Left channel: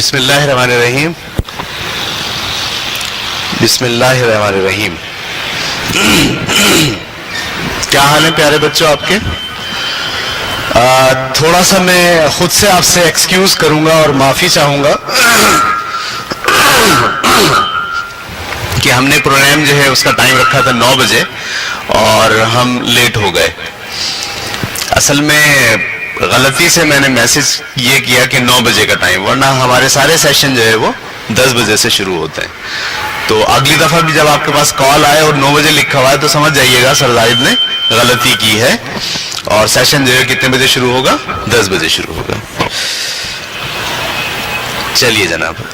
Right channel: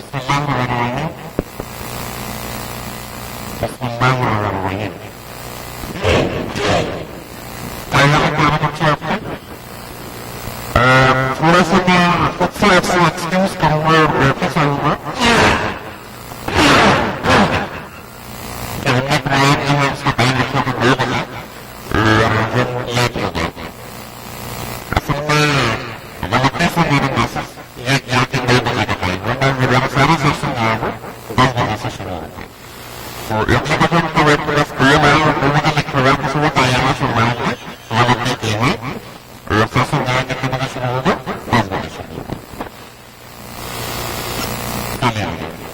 بسم اللہ الرحمن الرحیم. بسم اللہ الرحمن الرحیم. کیا حال ہے پیارے بچوں آپ کے؟ تھوڑا سا میں خود سے آپ سے ایکسکیوز کروں گا اور معافی چاہوں گا کہ ہم نے پروگرام جو ہے اس کا ٹائم رکھا تھا 9 بجے اور ہم لیٹ ہو گئے. اصل میں غلطی سے میں نے میسج یہ کیا کہ 9 بجے کا ٹائم، ورنہ ہمارے سارے سیشن جو ہے وہ 10 بجے سے شروع ہوتے ہیں. تو اگلی دفعہ بھی جب آپ کے پاس کال آئے اور 9 بجے لکھا ہوا ہے تو سمجھ جائیے گا سر زاہد نے غلطی کی ہے، اور سیشن جو ہے کتنے بجے شروع ہوگا؟ 10 بجے شروع ہوگا. چلیے جناب،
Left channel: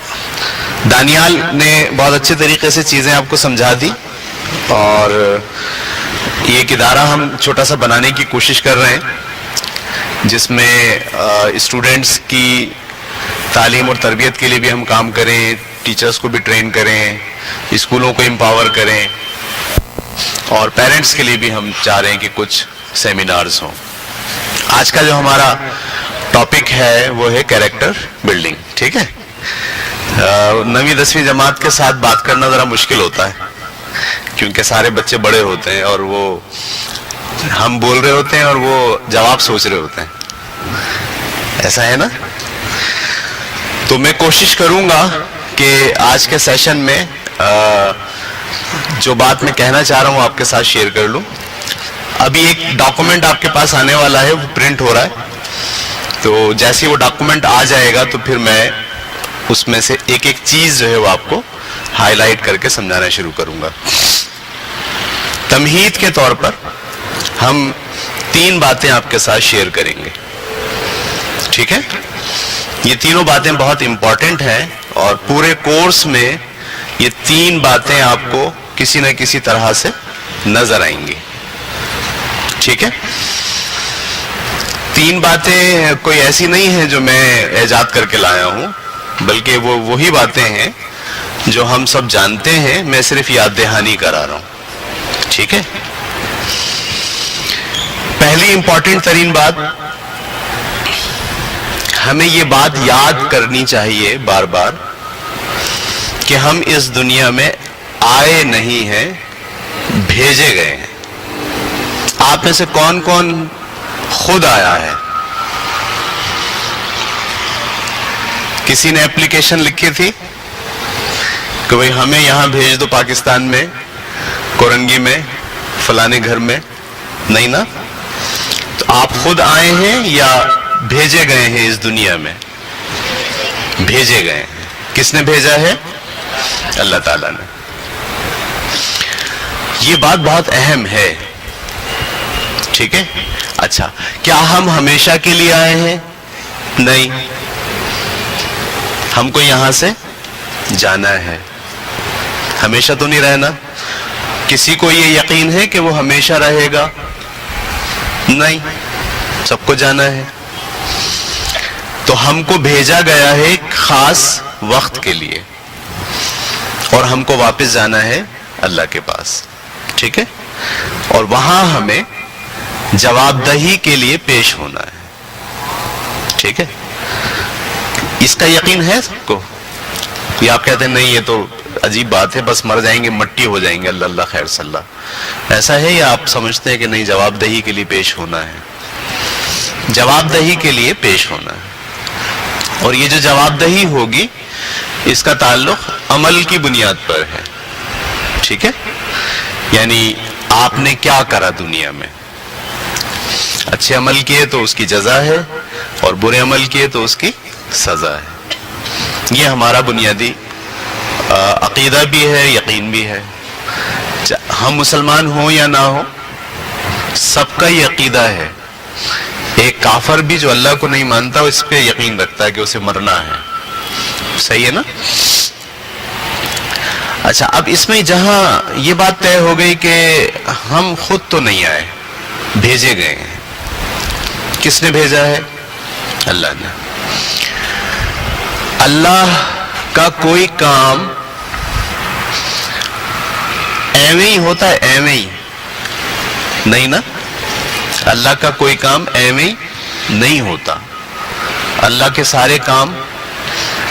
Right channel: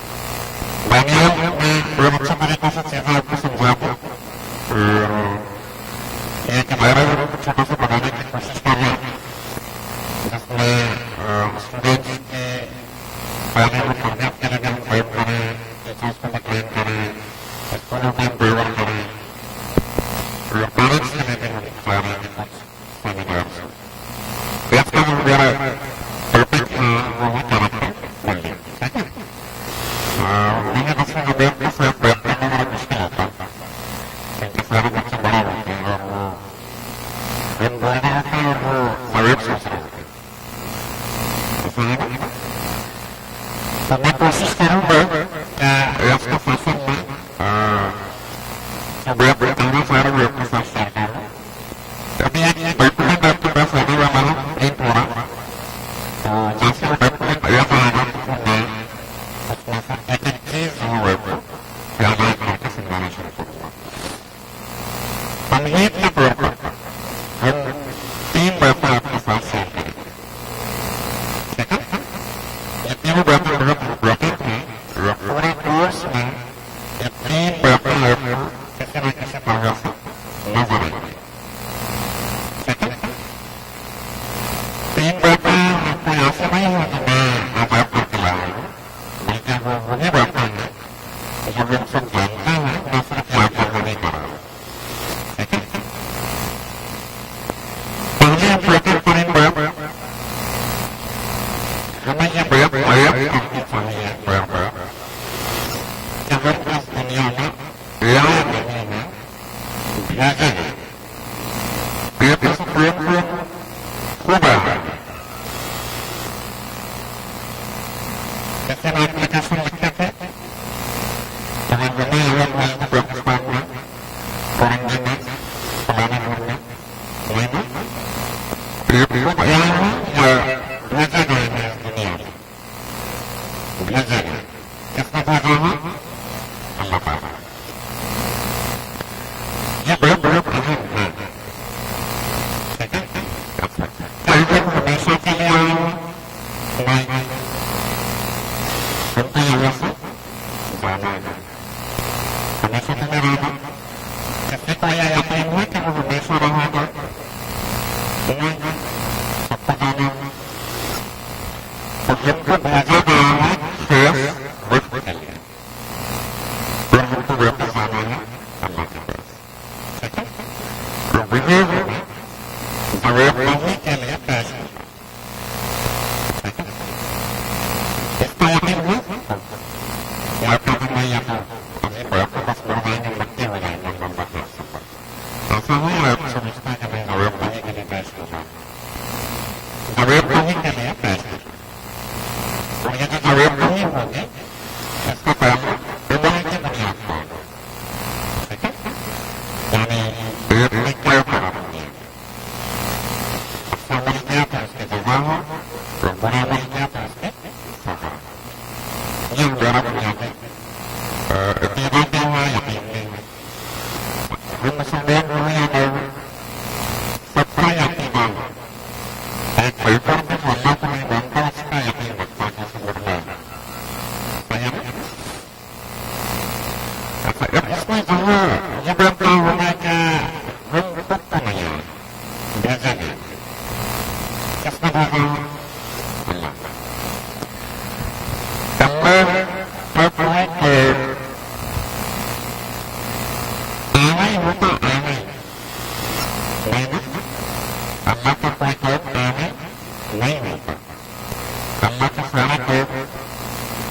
دانیال نے بہت اچھے طریقے سے چیزیں آپ کو سمجھا دی، اور یہ ایک ادارہ ہم چھوٹا سا بنانے کی کوشش کر رہے ہیں جس میں اسٹوڈنٹس کی تعلیم اور تربیت کے لیے بھی ہم کام کریں، ٹیچرز کو بھی ٹرین کریں، اسکولوں کو امپاور کریں، اور پیرنٹس کے لیے بھی ہم چاہ رہے ہیں کہ کچھ سیمینارز ہوں. آج کا جو ہمارا ٹاپک ہے وہ ہے کیریکٹر بلڈنگ. ٹھیک ہے، 9ویں 10ویں جماعت کے ساتھ بات کرنا ذرا مشکل ہوتا ہے کیونکہ سارے بچے بڑے ہوتے ہیں اور وہ ہم بول رہے ہوتے ہیں اور وہ جواب سوچ رہے ہوتے ہیں. ایسا ہے نا؟ تو میں کوشش کروں گا کہ آج کے سیشن میں جو بات میں کہنا چاہ رہا ہوں آپ کے ساتھ شیئر کر لوں. ابھی ایک ڈاکومنٹ آپ کے پاس آنے والا ہے، وہ پرنٹ ہو رہا ہے، تو جیسے وہ ڈاکومنٹ آ جائے گا تو پھر میں اس میں سے ایک ایک چیز جو ہے وہ آپ کو ہائی لائٹ کر کے سمجھانا شروع کروں گا. تمہید کے طور پر ہم 3 باتیں آپ کے ساتھ شیئر کریں گے. ٹھیک ہے، یہ تینوں باتیں بہت امپورٹنٹ ہیں اور پورے کورس میں یہ 3 باتیں آپ کو کسی نہ کسی طرح سے نظر آئیں گی. ٹھیک ہے، 3 باتیں کوئی ایسی نہیں ہیں جو میں ایجاد کر کے لایا ہوں، بلکہ وہ وہی باتیں ہیں جو ہم سب جانتے ہیں، میں صرف یاد دہانی کرا رہا ہوں. ٹھیک ہے، پہلی امپورٹنٹ ترین بات، ہمیں یہ بات یاد کرنی چاہیے بار بار کہ ہم اس دنیا میں آئے نہیں ہیں، بھیجے گئے ہیں. آپ میں سے کون کون خود آیا ہے؟ کسی نے اپلیکیشن لکھی تھی کہ بھئی ہمیں یہاں بھیج دو پاکستان میں، کورنگی میں، فلانے گھر میں؟ نہیں نا؟ تو آپ خود آئے ہیں یا بھیجے گئے ہیں اس دنیا میں؟ بھیجے گئے ہیں. کس نے بھیجا ہے؟ اللہ تعالیٰ نے. یہ بات بہت اہم ہے. ٹھیک ہے، اچھا، کیا ہم ہمیشہ کے لیے آئے ہیں؟ نہیں، ہم کو یہاں سے جانا ہے، ہمیشہ تو نہیں رہنا. کسی کو یہ یقین ہے کہ وہ ہمیشہ رہے گا؟ نہیں، سب کو جانا ہے. تو ہم کو بھیجا گیا ہے ایک خاص وقت کے لیے، اور ہم کو واپس جانا ہے اللہ کے پاس. ٹھیک ہے، اور وہاں ہمیں جواب دہی کے لیے پیش ہونا ہے. ٹھیک ہے، اس کا یقین ہے سب کو؟ یہ آپ کہتے ہیں نہیں یہ تو عجیب بات ہے، بس مر جائیں گے مٹی ہو جائیں گے، اللہ اللہ خیر صلی اللہ، ایسا ہے؟ یا آپ سمجھتے ہیں کہ نہیں جواب دہی کے لیے پیش ہونا ہے؟ جواب دہی کے لیے پیش ہونا ہے، اور یہ جو جواب دہی ہوگی اس کا تعلق عمل کی بنیاد پر ہے. ٹھیک ہے، یعنی آپ نے کیا کرا دنیا میں. اچھے عمل کیے تو اس کی جزا ہے، اور برے عمل کیے تو اس کی سزا ہے. یہ ہمارا بنیادی عقیدہ بھی ہے، یقین بھی ہے. ہم مسلمان ہوں یا نہ ہوں، سب کا یہ عقیدہ ہے. ایک کافر بھی جو اللہ کو نہیں مانتا اس پہ یقین رکھتا ہے کہ اسے مرنا ہے. صحیح ہے نا؟ اچھا، اب اس میں جہاں یہ بات طے ہو گئی کہ ہم خود تو نہیں آئے، بھیجے گئے ہیں. کس نے بھیجا ہے؟ اللہ نے. اللہ کا کوئی کام ایویں ہی ہوتا ہے؟ ایویں ہی نہیں نا؟ اللہ کا کوئی کام ایویں نہیں ہوتا. اللہ کے سارے کام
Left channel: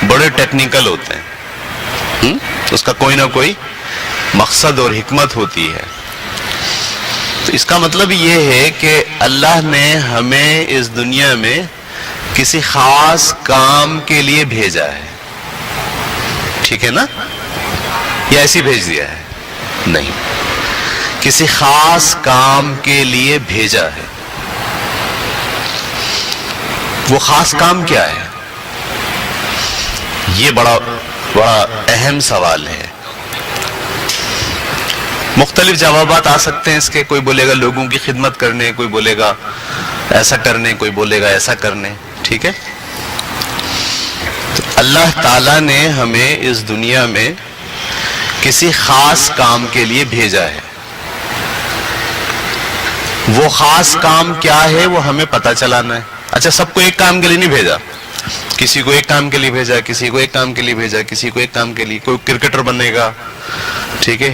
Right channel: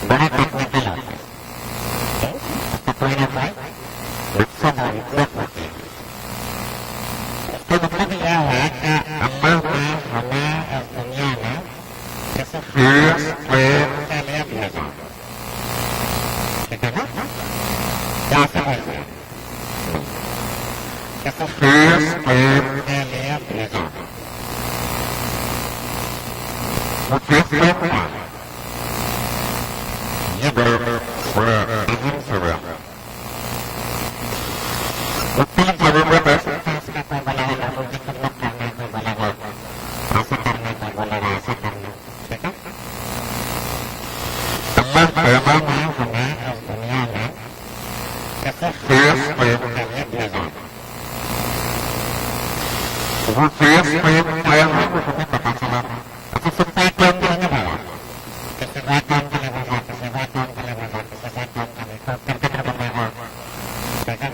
بڑے ٹیکنیکل ہوتے ہیں، اس کا کوئی نہ کوئی مقصد اور حکمت ہوتی ہے. تو اس کا مطلب یہ ہے کہ اللہ نے ہمیں اس دنیا میں کسی خاص کام کے لیے بھیجا ہے. ٹھیک ہے نا؟ یا ایسی بھیج دیا ہے؟ نہیں، کسی خاص کام کے لیے بھیجا ہے. وہ خاص کام کیا ہے؟ یہ بڑا اہم سوال ہے. مختلف جوابات آ سکتے ہیں اس کے. کوئی بولے گا لوگوں کی خدمت کرنے، کوئی بولے گا ایسا کرنے، کوئی بولے گا ایسا کرنے. ٹھیک ہے؟ تو اللہ تعالیٰ نے ہمیں اس دنیا میں کسی خاص کام کے لیے بھیجا ہے. وہ خاص کام کیا ہے وہ ہمیں پتہ چلانا ہے. اچھا، سب کو ایک کام کے لیے نہیں بھیجا. کسی کو ایک کام کے لیے بھیجا، کسی کو ایک کام کے لیے بھیجا، کسی کو ایک کام کے لیے. کوئی کرکٹر بنے گا، ٹھیک ہے،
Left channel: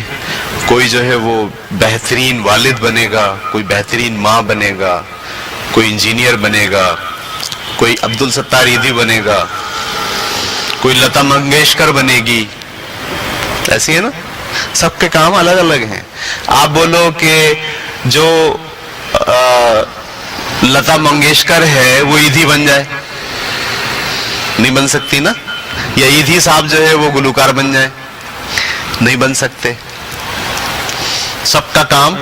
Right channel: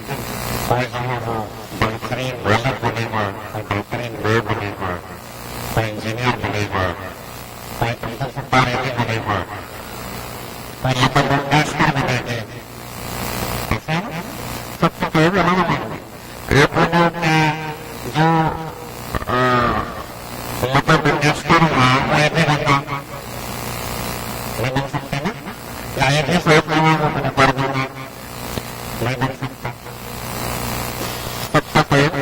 کوئی جو ہے وہ بہترین والد بنے گا، کوئی بہترین ماں بنے گا، کوئی انجینئر بنے گا، کوئی عبدالستار ایدھی بنے گا، کوئی لتا منگیشکر بنے گی. ایسی ہے نا؟ سب کے کام الگ الگ ہیں. آپ بولو کہ جو لتا منگیشکر ہے وہ ایدھی بن جائے، نہیں بن سکتی نا. یا ایدھی صاحب جو ہے وہ گلوکار بن جائے، نہیں بن سکتے. سب کا کام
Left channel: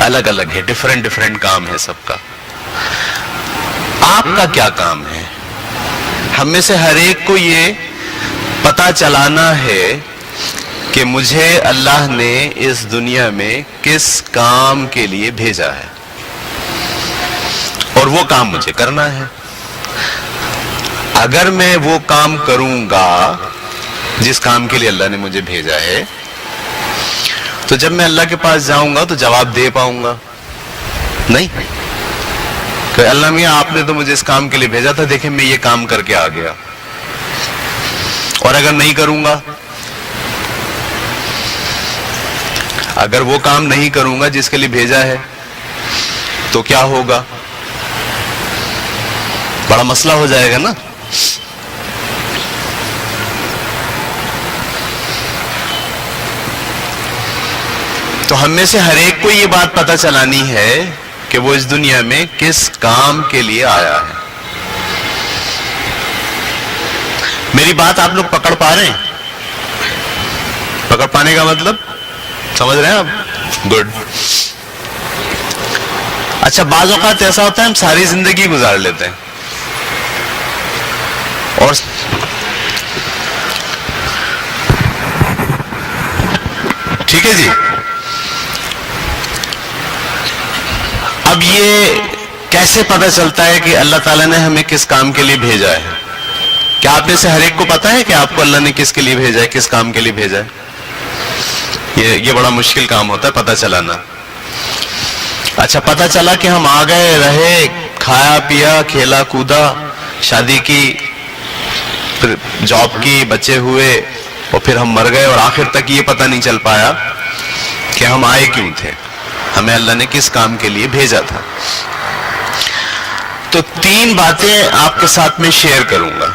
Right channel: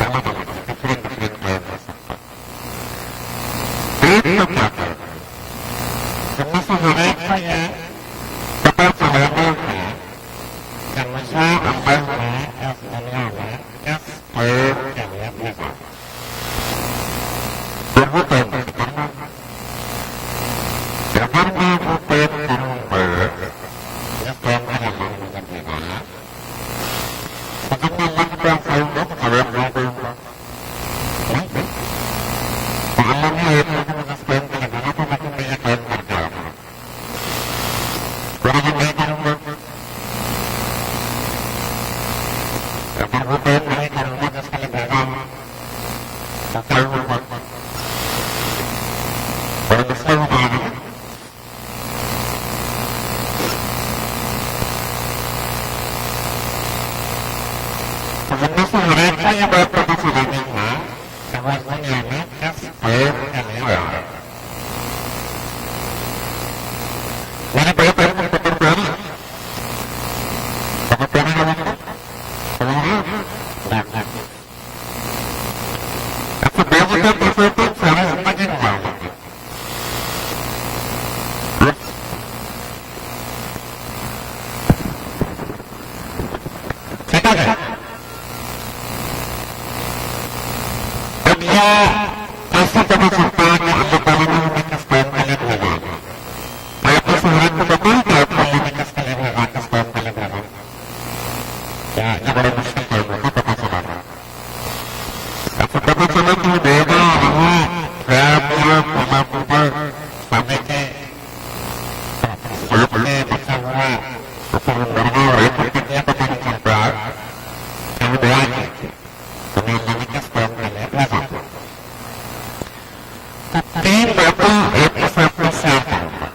الگ الگ ہے، ڈفرینٹ کام ہے سب کا. آپ کا کیا کام ہے؟ ہم میں سے ہر ایک کو یہ پتا چلانا ہے کہ مجھے اللہ نے اس دنیا میں کس کام کے لیے بھیجا ہے، اور وہ کام مجھے کرنا ہے. اگر میں وہ کام کروں گا جس کام کے لیے اللہ نے مجھے بھیجا ہے، تو جب میں اللہ کے پاس جاؤں گا تو جواب دے پاؤں گا. نہیں کہ اللہ میاں آپ نے تو مجھے اس کام کے لیے بھیجا تھا، دیکھیں میں یہ کام کر کے آ گیا. اور اگر نہیں کروں گا، اگر وہ کام نہیں کروں گا جس کے لیے بھیجا ہے، تو کیا ہوگا؟ بڑا مسئلہ ہو جائے گا نا. تو ہم میں سے ہر ایک کو یہ بات پتہ چلانی ہے کہ وہ اس دنیا میں کس کام کے لیے آیا ہے. میری بات آپ لوگ پکڑ پا رہے ہیں؟ پکڑ پانے کا مطلب سمجھ رہے ہیں آپ؟ گڈ. اچھا، بعض اوقات ایسا ہوتا ہے ہم ساری زندگی گزار لیتے ہیں اور ٹھیک ہے جی. اب یہ کیسے پتہ چلتا ہے کہ اللہ تعالیٰ نے ہمیں کس کام کے لیے بھیجا ہے؟ کیا آپ میں سے ہر ایک کو پتا ہے کہ آپ کو اللہ نے کس کے لیے بھیجا ہے، کس کام کے لیے بھیجا ہے؟ یہ بڑا مشکل کام ہوتا ہے پتہ چلانا. اچھا، پتہ چلا کہ ہم آ گئے، رہے، کھایا پیا، کھیلا کودا، شادی کی، پھر جاب کی، بچے ہوئے، اور پھر ہم مر گئے، اور آخر تک یہ پتہ نہیں چل پایا کہ ہم آئے کیوں تھے، ہمیں اللہ نے کس کام کے لیے بھیجا تھا. تو 3 باتیں آپ کے ساتھ میں شیئر کروں گا.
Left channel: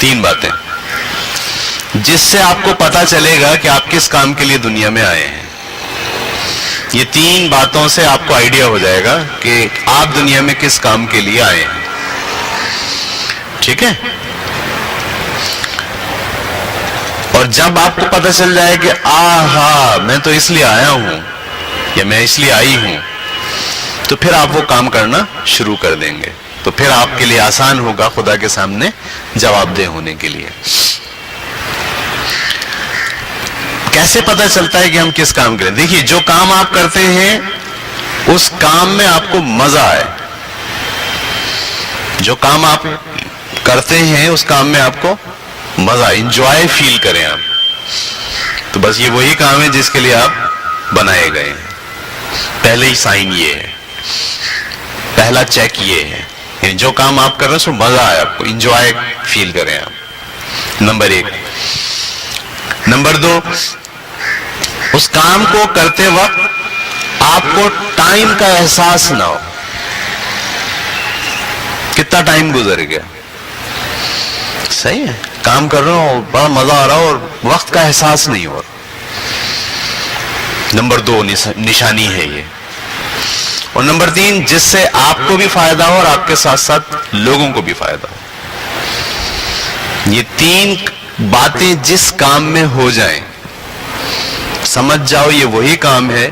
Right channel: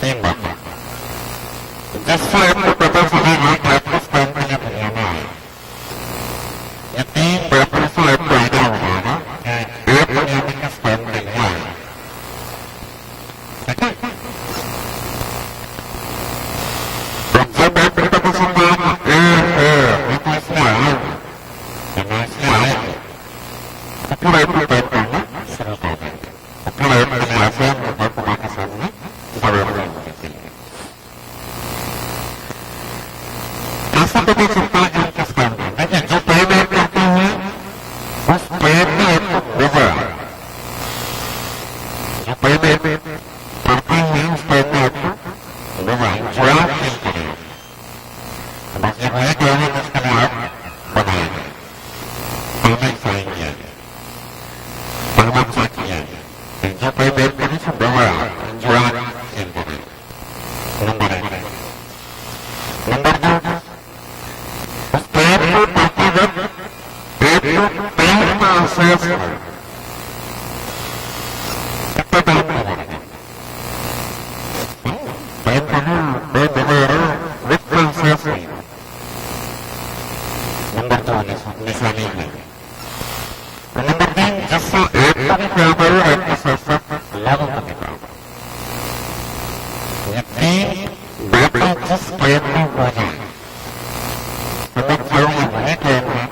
3 باتیں جس سے آپ کو پتا چلے گا کہ آپ کس کام کے لیے دنیا میں آئے ہیں. یہ 3 باتوں سے آپ کو آئیڈیا ہو جائے گا کہ آپ دنیا میں کس کام کے لیے آئے ہیں. ٹھیک ہے؟ اور جب آپ کو پتا چل جائے کہ آہا میں تو اس لیے آیا ہوں یا میں اس لیے آئی ہوں، تو پھر آپ وہ کام کرنا شروع کر دیں گے. تو پھر آپ کے لیے آسان ہوگا خدا کے سامنے جواب دہ ہونے کے لیے. کیسے پتا چلتا ہے کہ ہم کس کام کریں؟ دیکھیے، جو کام آپ کرتے ہیں اس کام میں آپ کو مزہ آئے. جو کام آپ کرتے ہیں اس کام میں آپ کو مزہ، انجوائے فیل کریں آپ. تو بس یہ وہی کام ہے جس کے لیے آپ بنائے گئے. پہلے ہی سائن یہ ہے، پہلا چیک یہ ہے، جو کام آپ کر رہے ہیں اس میں مزہ آئے، آپ کو انجوائے فیل کریں آپ. نمبر 1. نمبر 2، اس کام کو کرتے وقت آپ کو ٹائم کا احساس نہ ہو. کتنا ٹائم گزر گیا، صحیح ہے, کام کر رہا ہوں, بڑا مزہ آ رہا ہو اور وقت کا احساس نہیں ہو. نمبر 2 نشانی ہے یہ. اور نمبر 3, جس سے آپ کو بھی فائدہ ہو اور آپ کے ساتھ ساتھ لوگوں کو بھی فائدہ ہو. یہ 3 باتیں جس کام میں ہو جائیں, سمجھ جاؤ یہ وہی کام ہے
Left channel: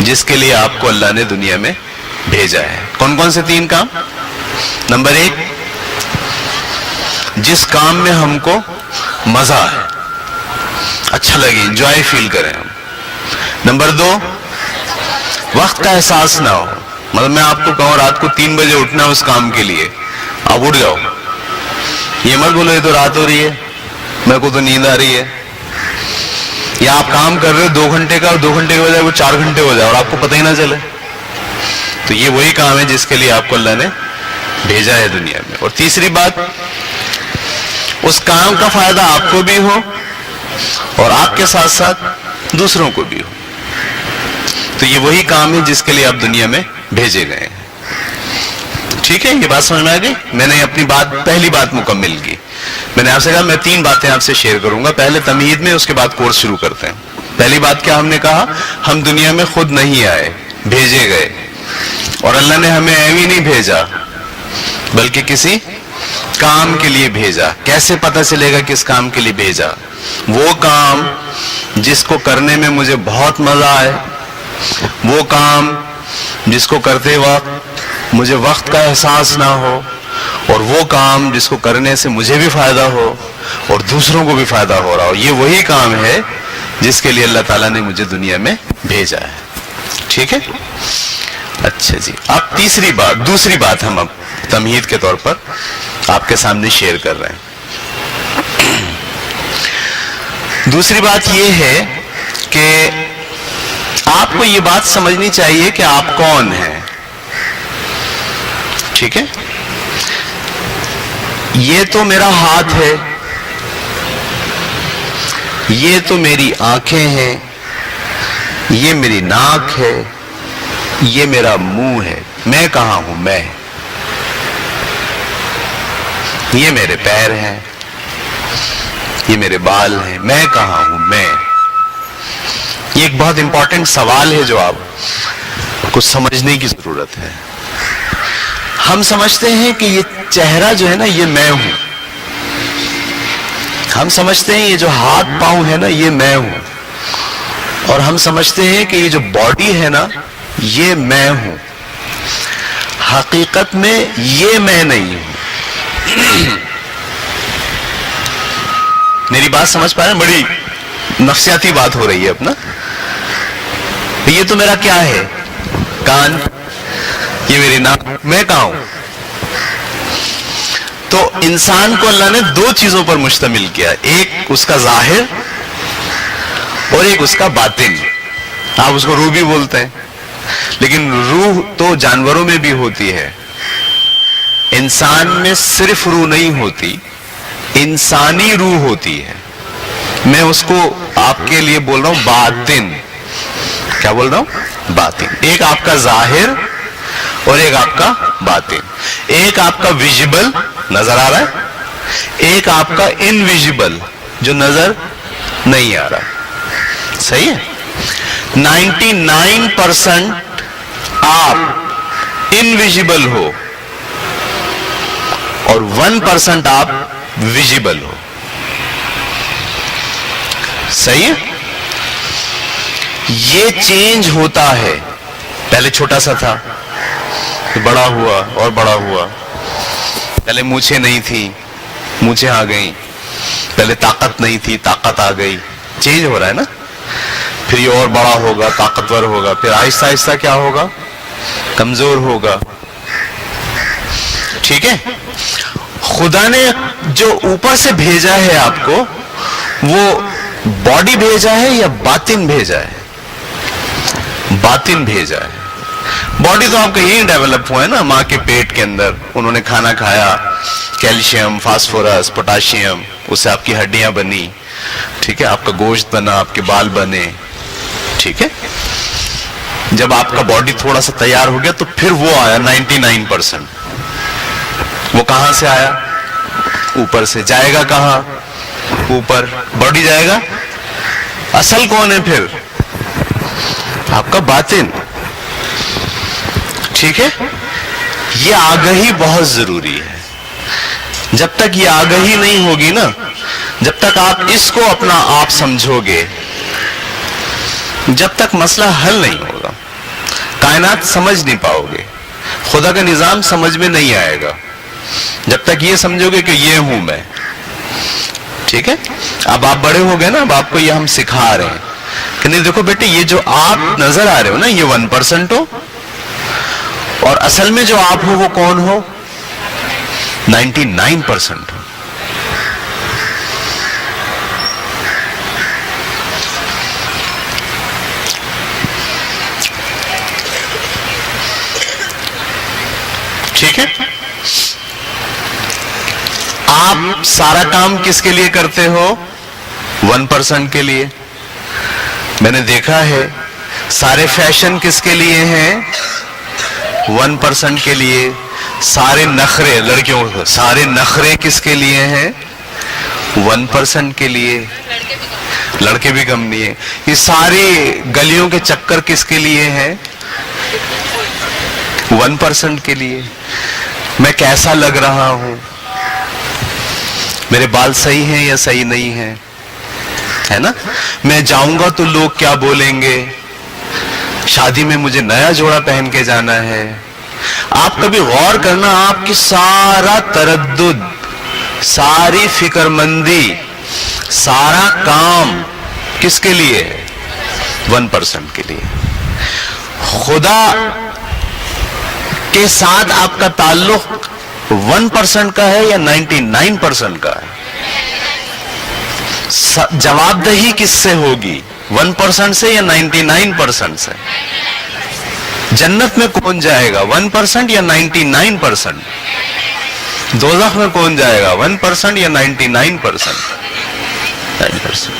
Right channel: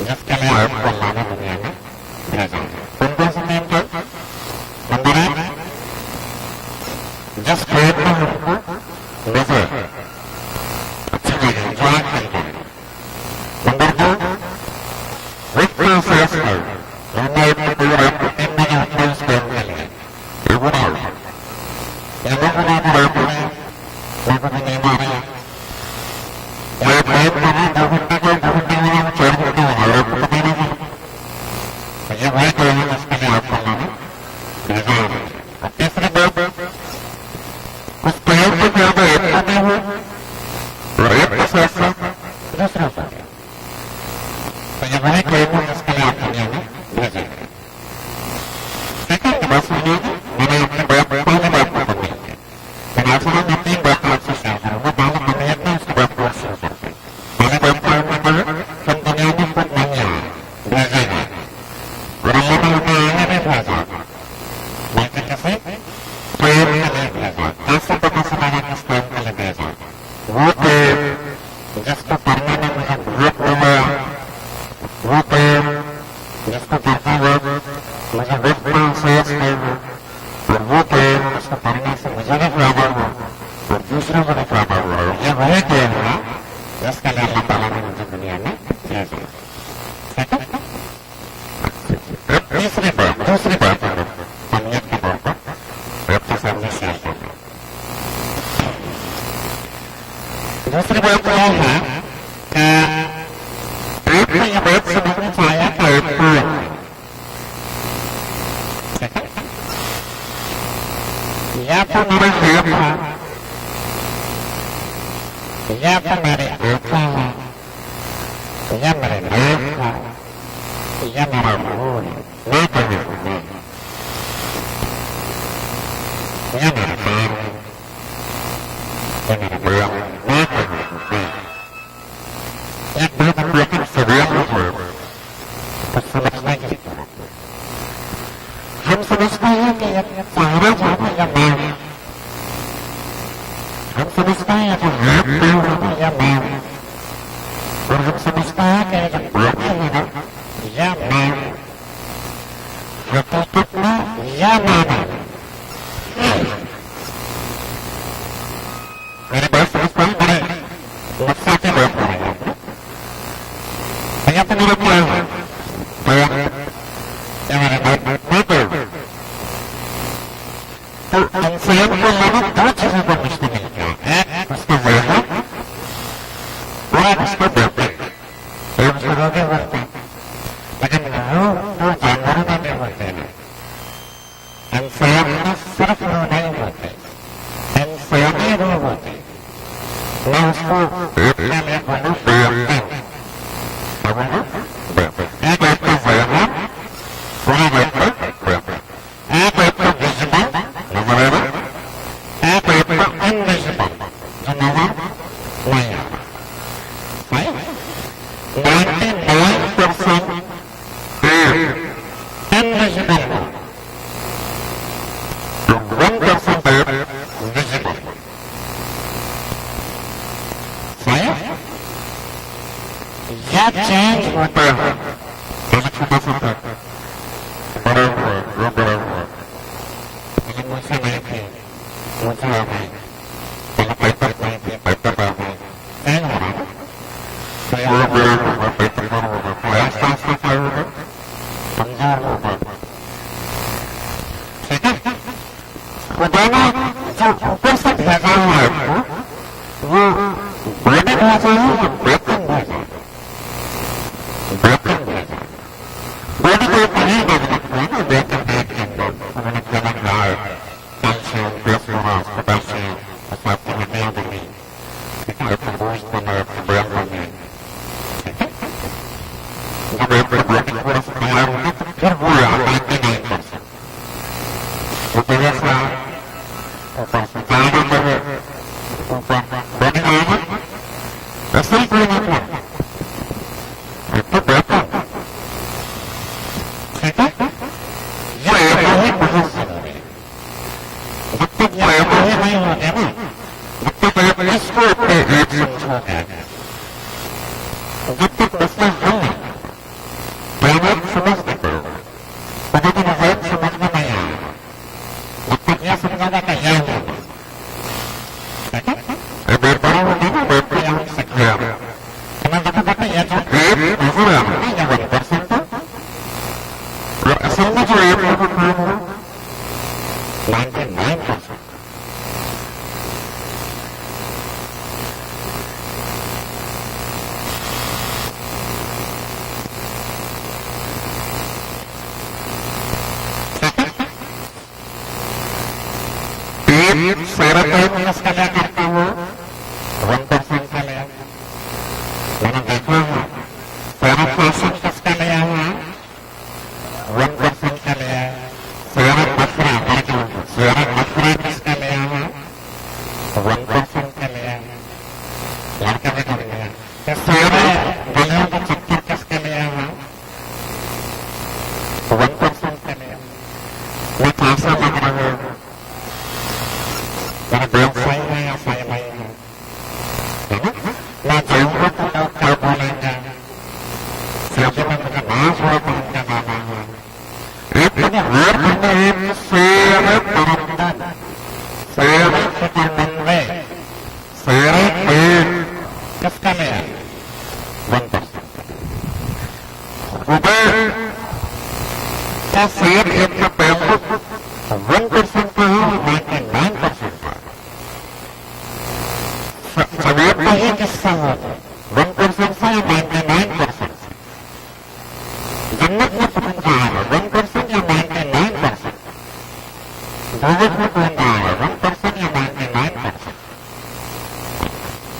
جس کے لیے آپ کو اللہ نے دنیا میں بھیجا ہے. کون کون سے 3 کام؟ نمبر 1, جس کام میں ہم کو مزہ ہے, اچھا لگے, انجوائے فیل کریں. نمبر 2, وقت کا احساس نہ ہو. مطلب میں آپ کو کہوں رات کو 3 بجے اٹھنا اس کام کے لیے, آپ اٹھ جاؤ. یہ مت بولو یہ تو رات ہو رہی ہے, میرے کو تو نیند آ رہی ہے. یا آپ کام کر رہے 2 گھنٹے کا, اور 2 گھنٹے ہو جائے وہ 4 گھنٹے ہو جائے اور آپ کو پتہ ہی نہ چلے. تو یہ وہی کام ہے جس کے لیے آپ کو اللہ نے بھیجا ہے دنیا میں. اور تیسری بات, اس کام کا فائدہ آپ کو بھی ہو اور آپ کے ساتھ ساتھ دوسروں کو بھی ہو. تو یہ وہی کام ہے جس کے لیے آپ دنیا میں بھیجے گئے ہیں. ٹھیک ہے, یہ بات سمجھ میں آ گئی. میں نے اپنی پہلی بات مکمل کی. میں نے آپ سے کہا میں 3 باتیں آپ سے شیئر کروں گا, پہلے تمہید میں, اس کے بعد کورس شروع کرتے ہیں. پہلی بات کیا ہم نے کہا, ہم دنیا میں خود نہیں آئے, بھیجے گئے. اور اللہ نے ہمیں ایویں نہیں بھیجا بلکہ کسی کام کے لیے بھیجا. کیسے پتہ چلے گا کس کام کے لیے بھیجا؟ وہ کام جس کو کرنے میں مجھے بہت مزہ آئے, وہ کام جس کو کرتے وقت مجھے وقت کا احساس نہ ہو, اور وہ کام جس کو کرنے سے مجھے بھی فائدہ ہو اور دوسروں کو بھی فائدہ ہو رہا ہو. یہ وہی کام ہے جس کے لیے اللہ تعالیٰ نے مجھے دنیا میں بھیجا ہے. ٹھیک ہے, اچھا جی. اب دوسری بات ہم اب تمہید کے طور پر آپ کے سامنے شیئر کر رہے ہیں. دوسری بات یہ ہے کہ آپ کو یہ بات سمجھنی چاہیے کہ آپ کون ہیں. ٹھیک ہے, یہ تو میرا ہاتھ ہے, یہ تو میری آنکھیں ہیں, یہ میری ناک ہے, یہ میرا منہ ہے. میں کہاں ہوں؟ میں. یہ میرے پیر ہیں, یہ میرے بال ہیں. میں کہاں ہوں؟ میں. یہ ایک بہت امپورٹنٹ سوال ہے جو آپ کو سمجھنے کی ضرورت ہے. ہم سمجھتے ہیں کہ یہ چہرہ جو ہے نا یہ میں ہوں. ہم سمجھتے ہیں یہ جو ہاتھ پاؤں ہے نا یہ میں ہوں. اور ہم سمجھتے ہیں کہ یہ جو باڈی ہے نا یہ میں ہوں. حقیقت میں یہ میں نہیں ہوں. میری بات سمجھ پا رہے ہیں؟ بڑی نفسیاتی بات ہو رہی ہے اپنا. یہ تو میرا کیا ہے؟ کان, یہ میری ناک. میں کہاں ہوں؟ تو انسان کو اللہ نے 2 چیزوں پر مشتمل کیا, ایک اس کا ظاہر اور ایک اس کا باطن. آپ اس کو روح بھی بولتے ہیں, لیکن روح تو جانوروں میں بھی ہوتی ہے. انسان میں صرف روح نہیں ہوتی, انسانی روح ہوتی ہے. میں اس کو آپ کے لیے بول رہا ہوں باطن. کیا بول رہا ہوں؟ باطن. ایک آپ کا ظاہر اور ایک آپ کا باطن. ایک آپ کا ویژیبل نظر آ رہا ہے, ایک آپ کا انویژیبل جو نظر نہیں آ رہا. صحیح ہے. 99% آپ انویژیبل ہو اور 1% آپ ویژیبل ہو. صحیح ہے. یہ چینج ہوتا ہے. پہلے چھوٹا سا تھا, بڑا ہوا اور بڑا ہوا. پہلے مونچھیں نہیں تھی, مونچھیں آ گئی. پہلے طاقت نہیں تھی, طاقت آ گئی. چینج ہو رہا ہے نا. پھر یہ اور بڑا ہوگا, طاقتور ہوگا. پھر آہستہ آہستہ کیا ہوگا؟ کمزور ہوگا. ٹھیک ہے. خدا نے جو اوپر سے بھیجا ہے آپ کو, وہ باڈی بھیجا ہے یا باطن بھیجا ہے؟ باطن بھیجا ہے. باڈی تو آپ کا ہی ڈیولپ ہوا ہے نا ماں کے پیٹ کے اندر. انہوں نے کھانا کھایا, کیلشیم, فاسفورس, پوٹاشیم, اس سے آپ کی ہڈیاں بنی. ٹھیک ہے. آپ کا گوشت بنا, آپ کے بال بنے. ٹھیک ہے. جب آپ کا باڈی تھوڑا سا تیار ہو گیا تو پھر وہ آیا 99%. وہ کہاں سے آیا؟ اوپر سے جائے گا کہاں؟ اوپر. باڈی جائے گا. اصل کون ہے پھر؟ آپ کا باطن. ٹھیک ہے. یہ آگاہی بہت ضروری ہے. جب تک یہ آگاہی نہیں ہوگی نا، جب تک آپ اس کو اپنا آپ سمجھو گے، جب تک مسئلہ حل نہیں ہوگا، کائنات سمجھ نہیں پاؤ گے، خدا کا نظام سمجھ میں نہیں آئے گا جب تک یہ سمجھو گے کہ یہ ہوں میں. ٹھیک ہے. اب آپ بڑے ہو گئے نا، اب آپ کو یہ ہم سکھا رہے ہیں کہ نہیں دیکھو بیٹے، یہ جو آپ نظر آ رہے ہو نا، یہ 1% ہو، اور اصل میں جو آپ ہو وہ کون ہو؟ 99% ہو. ٹھیک ہے. آپ سارا کام کس کے لیے کرتے ہو؟ 1% کے لیے. میں نے دیکھا ہے سارے فیشن کس کے لیے ہیں؟ 1% کے لیے. سارے نخرے لڑکیوں، سارے نخرے کس کے لیے ہیں؟ 1% کے لیے. لڑکے بھی کم نہیں ہیں. یہ سارے گلیوں کے چکر کس کے لیے ہیں؟ 1% کے لیے. میں کیسا لگ رہا ہوں، میرے بال صحیح ہیں یا صحیح نہیں ہیں، ہے نا. میں جاؤں گا تو لوگ کیا بولیں گے، شادی میں مجھے نیا جوڑا پہن کے جانا ہے. آپ کبھی غور کرنا، آپ کی سارا تردد، ساری فکر مندی، سارا کام کس کے لیے؟ 1% کے لیے. خدا کے ساتھ آپ کا تعلق 1% کا ہے یا 99% کا ہے؟ جواب دہی کس سے ہوگی؟ 1% سے یا 99% سے؟ جنت میں کون جائے گا؟ 1% یا 99%؟ دوزخ میں کون جائے گا؟ 1% یا 99%؟ 9%.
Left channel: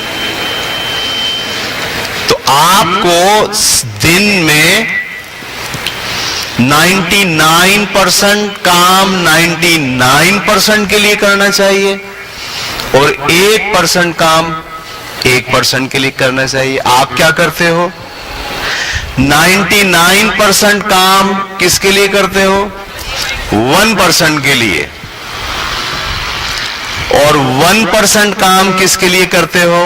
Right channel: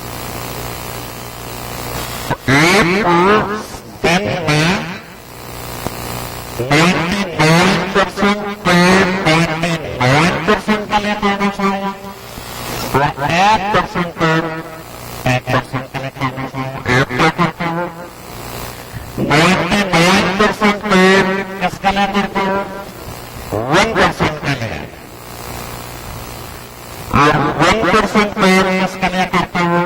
تو آپ کو دن میں 99% کام 99% کے لیے کرنا چاہیے، اور 1% کام 1% کے لیے کرنا چاہیے. آپ کیا کرتے ہو؟ 99% کام کس کے لیے کرتے ہو؟ 1% کے لیے. اور 1% کام کس کے لیے کرتے ہو؟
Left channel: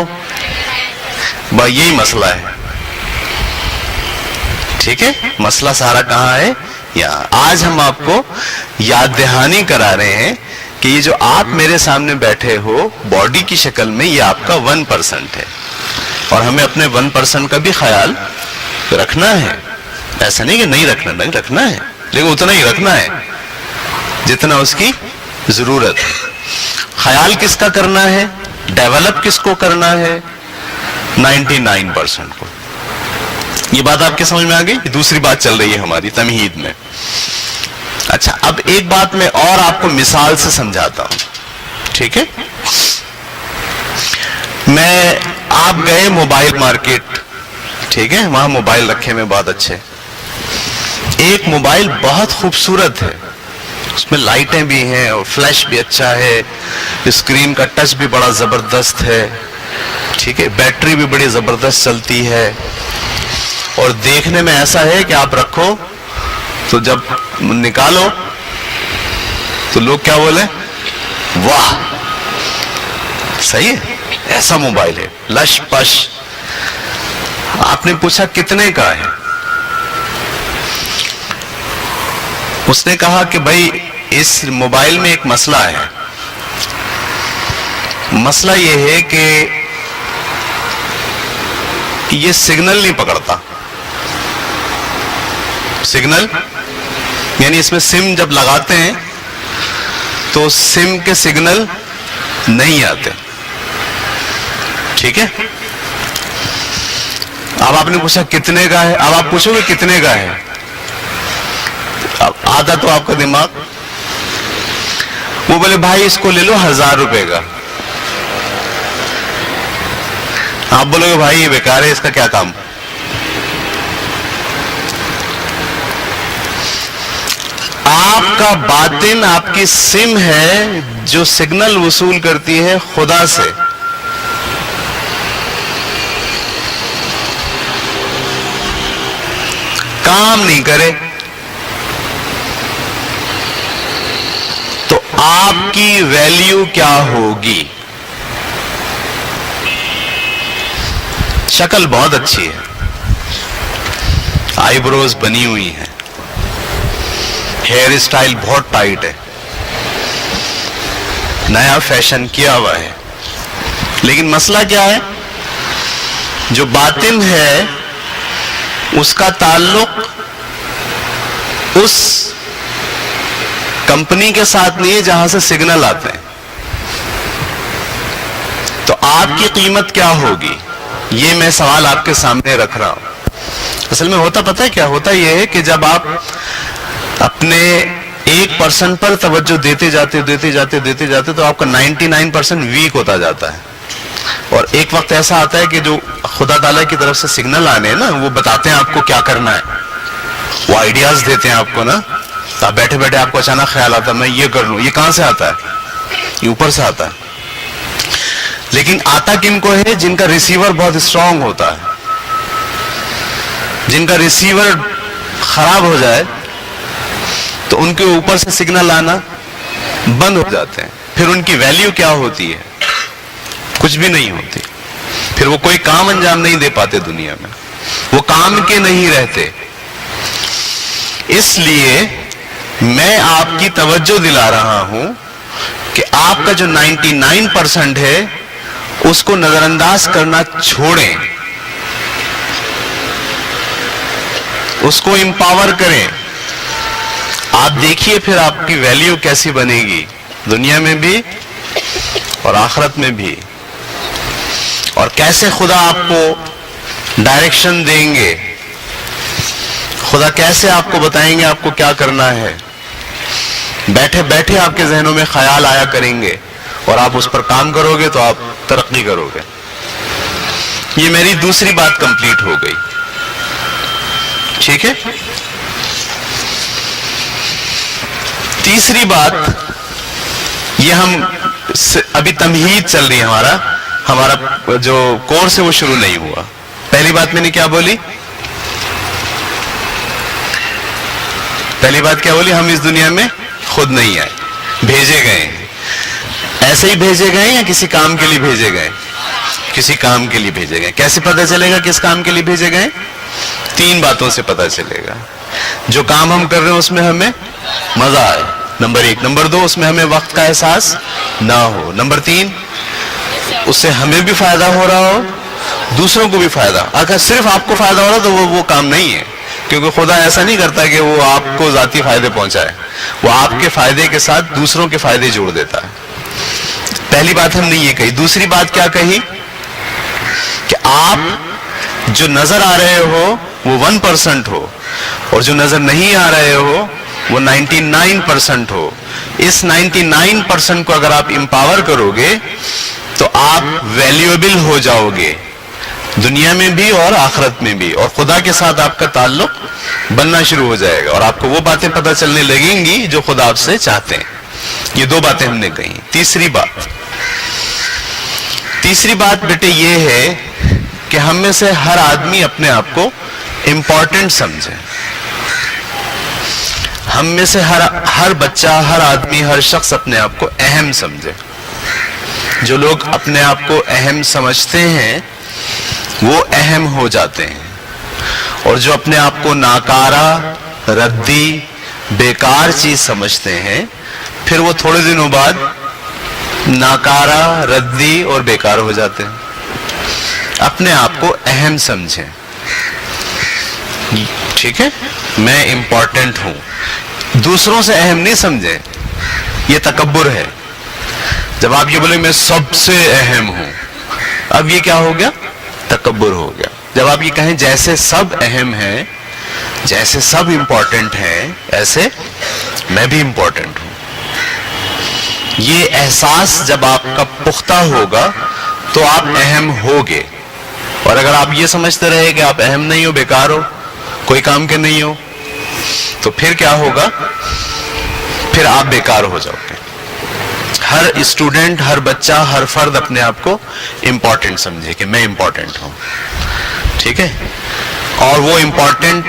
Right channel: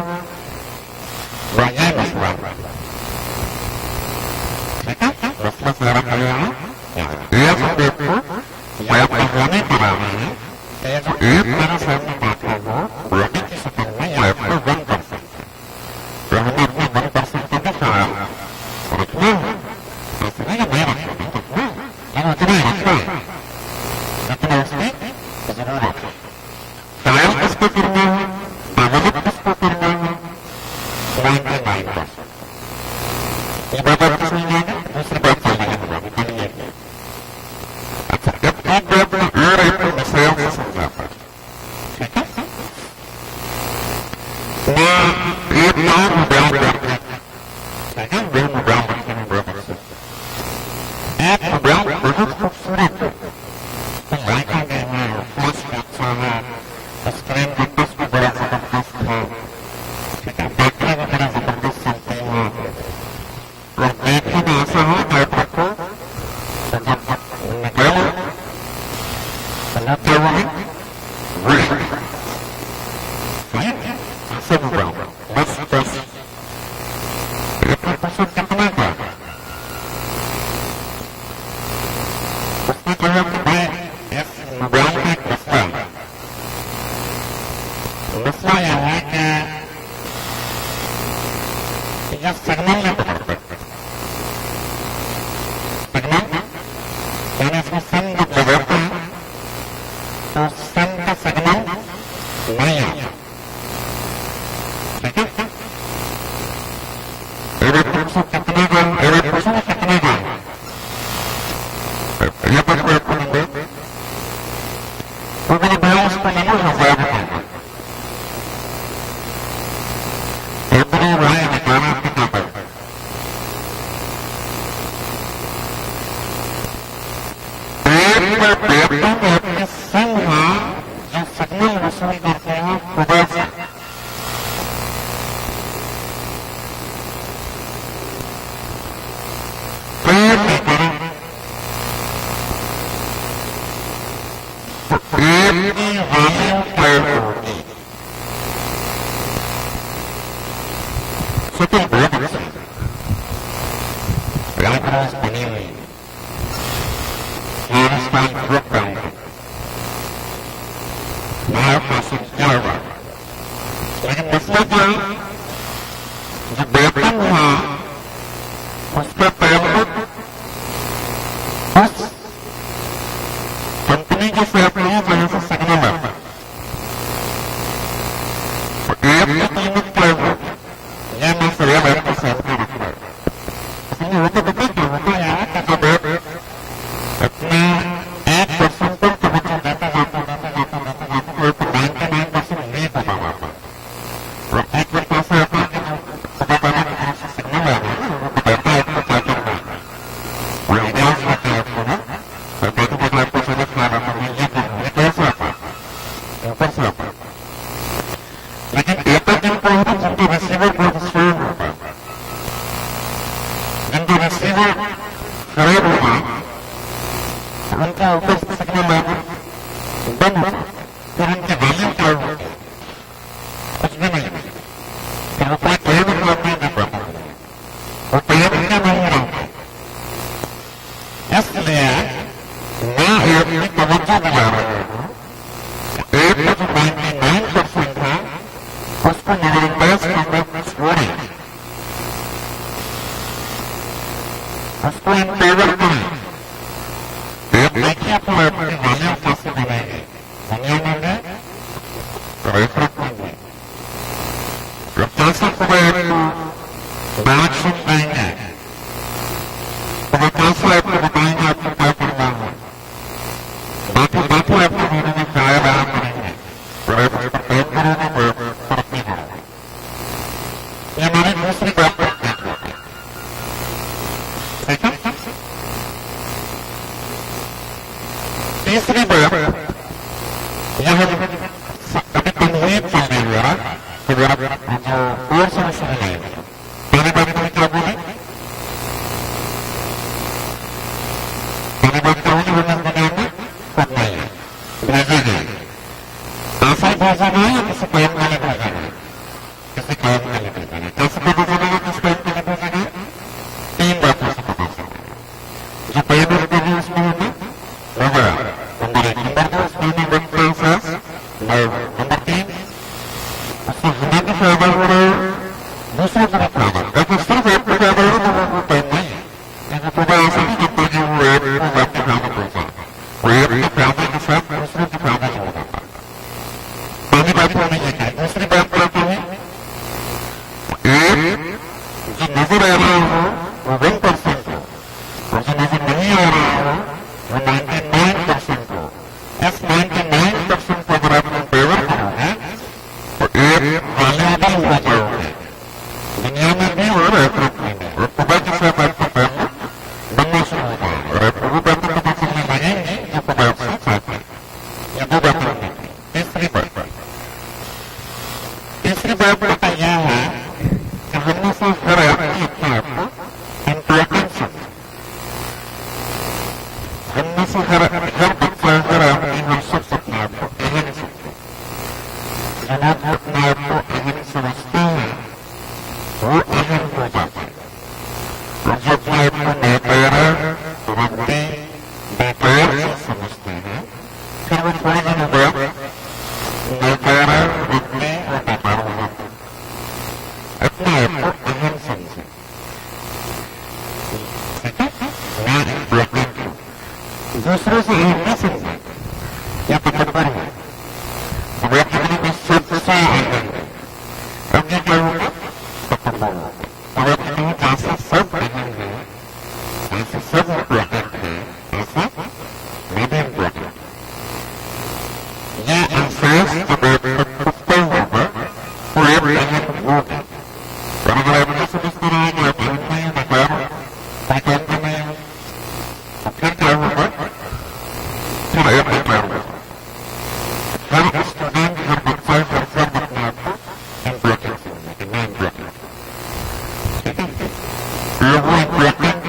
بھائی یہی مسئلہ ہے. ٹھیک ہے. مسئلہ سارا کہاں ہے؟ یہاں. آج ہم آپ کو یاد دہانی کرا رہے ہیں کہ یہ جو آپ میرے سامنے بیٹھے ہو باڈی کی شکل میں، یہ آپ کا 1% ہے، اور ہمیں اپنے 1% کا بھی خیال رکھنا ہے. ایسا نہیں کہ نہیں رکھنا، نہیں رکھنا ہے، لیکن اتنا ہی رکھنا ہے جتنا اس کی ضرورت ہے. خیال کس کا کرنا ہے؟ ڈیولپ کس کو کرنا ہے؟ 99% کو. یہ بات آپ کے سمجھ میں آ گئی؟ دوسری بات چل رہی ہے ہماری تمہید میں. اچھا، اب ایک بات میں اور آپ کو مثال سے سمجھاتا ہوں. ٹھیک ہے. آپ گئے موبائل مارکیٹ، ٹھیک ہے، وہاں موبائل رکھے میں بہت اچھے. ایک موبائل بہت خوبصورت ہے، اس میں لائٹیں بھی ہیں اور فلیش بھی اچھا ہے، اسکرین کا ٹچ بھی بڑا زبردست ہے. ٹھیک ہے. بیٹری بھی بڑی زبردست چلتی ہے، اور دیکھنے میں ایسا ہے کہ آپ رکھو تو جب نکالو تو لوگ کیا بولے؟ واہ، صحیح ہے، ایسا موبائل ہے، لش پش. آپ نے پوچھا کتنے کا ہے؟ اس نے کہا کہ بھائی اس موبائل میں ایک مسئلہ ہے. مسئلہ یہ ہے کہ یہ سگنل نہیں پکڑتا. سگنل یعنی اس میں سم جب لگاتے ہیں تو سم کے سگنل نہیں آتے. ٹھیک ہے. اب آپ نے پوچھا کتنے کا ہے؟ اب آپ پوچھو گے کتنے کا ہے؟ اب آدھا تو آپ کا دماغ، وہ بولے بھائی اس کو لے لو 1000 روپے کا. آپ بولو گے بھائی یہ بیکار ہے، اس کا کیا کام؟ آپ کا باطن، آپ کی سم ہے جو سگنل وصول کرتی ہے خدا سے، کام نہیں کرے تو آپ کی ویلیو کیا ہوگی؟ شکل بہت اچھی ہے، آئی بروز بنی ہوئی ہے، ہیئر اسٹائل بہت ٹائٹ ہے، نیا فیشن کیا ہوا ہے، لیکن مسئلہ کیا ہے؟ جو باطن ہے اس کا تعلق اس کمپنی کے ساتھ نہیں ہے جہاں سے سگنل آتے ہیں. تو آپ کی قیمت کیا ہوگی؟ یہ میں سوال آپ کے سامنے رکھ رہا ہوں. اصل میں ہوتا پتہ ہے کیا ہوتا؟ یہ ہے کہ جب آپ اپنے 1% پر توجہ دیتے جاتے تو آپ کا 99% ویک ہوتا جاتا ہے. اور ایک وقت ایسا آتا ہے کہ جو خدا تعالیٰ کی طرف سے سگنل آنے ہیں نا، وہ بتاتے ہیں آپ کو کیا کرنا ہے، وہ آئیڈیاز دیتے ہیں آپ کو نا. آپ بیٹھے بیٹھے آپ کو اچانک خیال آتا ہے میں یہ کر لوں. یہ کہاں سے آتا ہے؟ یہ اوپر سے آتا ہے. لیکن آتا کن کو ہے؟ جن کا ریسیور بہت اسٹرانگ ہوتا ہے. جن کا ریسیور خراب ہو جائے تو ان کے اوپر سے سگنل آنا بند ہو جاتے ہیں. پھر ان کی ویلیو کیا ہوتی ہے؟ کچھ بھی نہیں ہوتی. پھر وہ کوئی کام انجام نہیں دے پاتے دنیا میں، وہ کام کے نہیں رہتے. اس لیے میں آپ کی توجہ دلا رہا ہوں کہ آپ کا جو 99% ہے اس کو نظر انداز کرنا چھوڑیں، اس کو امپاور کریں. آپ دیکھیے پھر آپ کی ویلیو کیسی بنے گی، دنیا میں بھی اور آخرت میں بھی. اور کیسے خدا آپ کو ڈائریکشن دیں گے، خدا کیسے آپ کو بتائیں گے آپ کو کیا کرنا ہے. بیٹھے بیٹھے آپ کے ذہنوں میں خیال آیا کریں گے اور آپ اس پر کام کرو گے تو آپ ترقی کرو گے. یہ میری دوسری بات کمپلیٹ ہو گئی. ٹھیک ہے. تیسری بات، یہ ہم ابھی تمہید چل رہی ہے، ہمارا جو کورس ہے وہ شروع نہیں ہوا. پہلی بات میں نے کیا بولی؟ پہلی بات کیا بولی؟ ہم اس دنیا میں خود نہیں آئے، بھیجے گئے. ایسے ہی بھیجے گئے یا کسی کام کے لیے بھیجے گئے؟ کسی کام کے لیے بھیجے گئے. کیسے پتہ چلے گا کس کام کے لیے بھیجے گئے؟ 3 باتوں سے پتہ چلے گا. جو کام ہم کر رہے ہیں اس میں ہمیں مزہ آئے، نمبر 1. نمبر 2، اس میں ہمیں وقت کا احساس نہ ہو. نمبر 3، اس سے ہمیں بھی فائدہ ہو رہا ہو، دوسروں کو بھی فائدہ. اگر صرف آپ کو فائدہ ہو رہا تو وہ کام نہیں ہے، کیونکہ خدا ایسا نہیں کرتا کہ وہ آپ کو ذاتی فائدے پہنچائے. وہ آپ کے فائدے کے ساتھ دوسروں کے فائدے جوڑ دیتا ہے. پہلی بات ہم نے یہ کہی. دوسری بات کیا کہی؟ کہ آپ جو نظر آ رہے ہو وہ 1% ہو، اور جو نظر نہیں آ رہے ہو وہ 99% ہو. اس 99% کو اگر آپ امپاور کرو گے تو آپ ویلیویبل ہو جاؤ گے، دنیا میں بھی اور آخرت میں بھی. اور خدا کے ساتھ آپ کا تعلق بننا شروع ہو جائے گا اور آپ کو وہ باتیں پتہ چلنے لگیں گی جو خدا آپ سے چاہتے ہیں. یہ 2 باتیں ہم نے کہی. تیسری بات بیٹے یہ ہے کہ ہم میں سے ہر آدمی اپنے آپ کو امپورٹنٹ سمجھے. ہم میں سے ہر بچہ، ہر آدمی، ہر شخص اپنے آپ کو اہم سمجھے. جو لوگ اپنے آپ کو اہم سمجھتے ہیں وہ اہم ہو جاتے ہیں، اور جو اپنے آپ کو ناکارہ، ردی، بیکار چیز سمجھتے ہیں پھر وہ تھوڑے دنوں بعد ناکارہ، ردی اور بیکار ہو جاتے ہیں. اپنے آپ کو اہم سمجھیں. ٹھیک ہے. میں امپورٹنٹ ہوں. دوسروں سے اہم نہیں سمجھیں، یہ تکبر ہے. جب آپ یہ بولے میں سب سے اہم ہوں، اب یہ کیا ہو گیا؟ تکبر ہو گیا. جب آپ یہ کہیں جیسے سب اہم ہیں، جیسے سب امپورٹنٹ ہیں، ایسے میں بھی امپورٹنٹ ہوں. یہ احساس جب آپ کا پختہ ہوگا تو آپ اہم ہوگے. اور اگر آپ یہ سمجھتے رہے کہ آپ اہم نہیں ہو، بیکار ہو، کوئی کام کے نہیں ہو، تو پھر کیا ہوگا؟ پھر آپ بیکار ہو جاؤ گے. ہر اسٹوڈنٹ، ہر بچہ، ہر فرد اپنے آپ کو امپورٹنٹ سمجھے کہ میں امپورٹنٹ ہوں، ٹھیک ہے، اور وہ امپورٹنٹ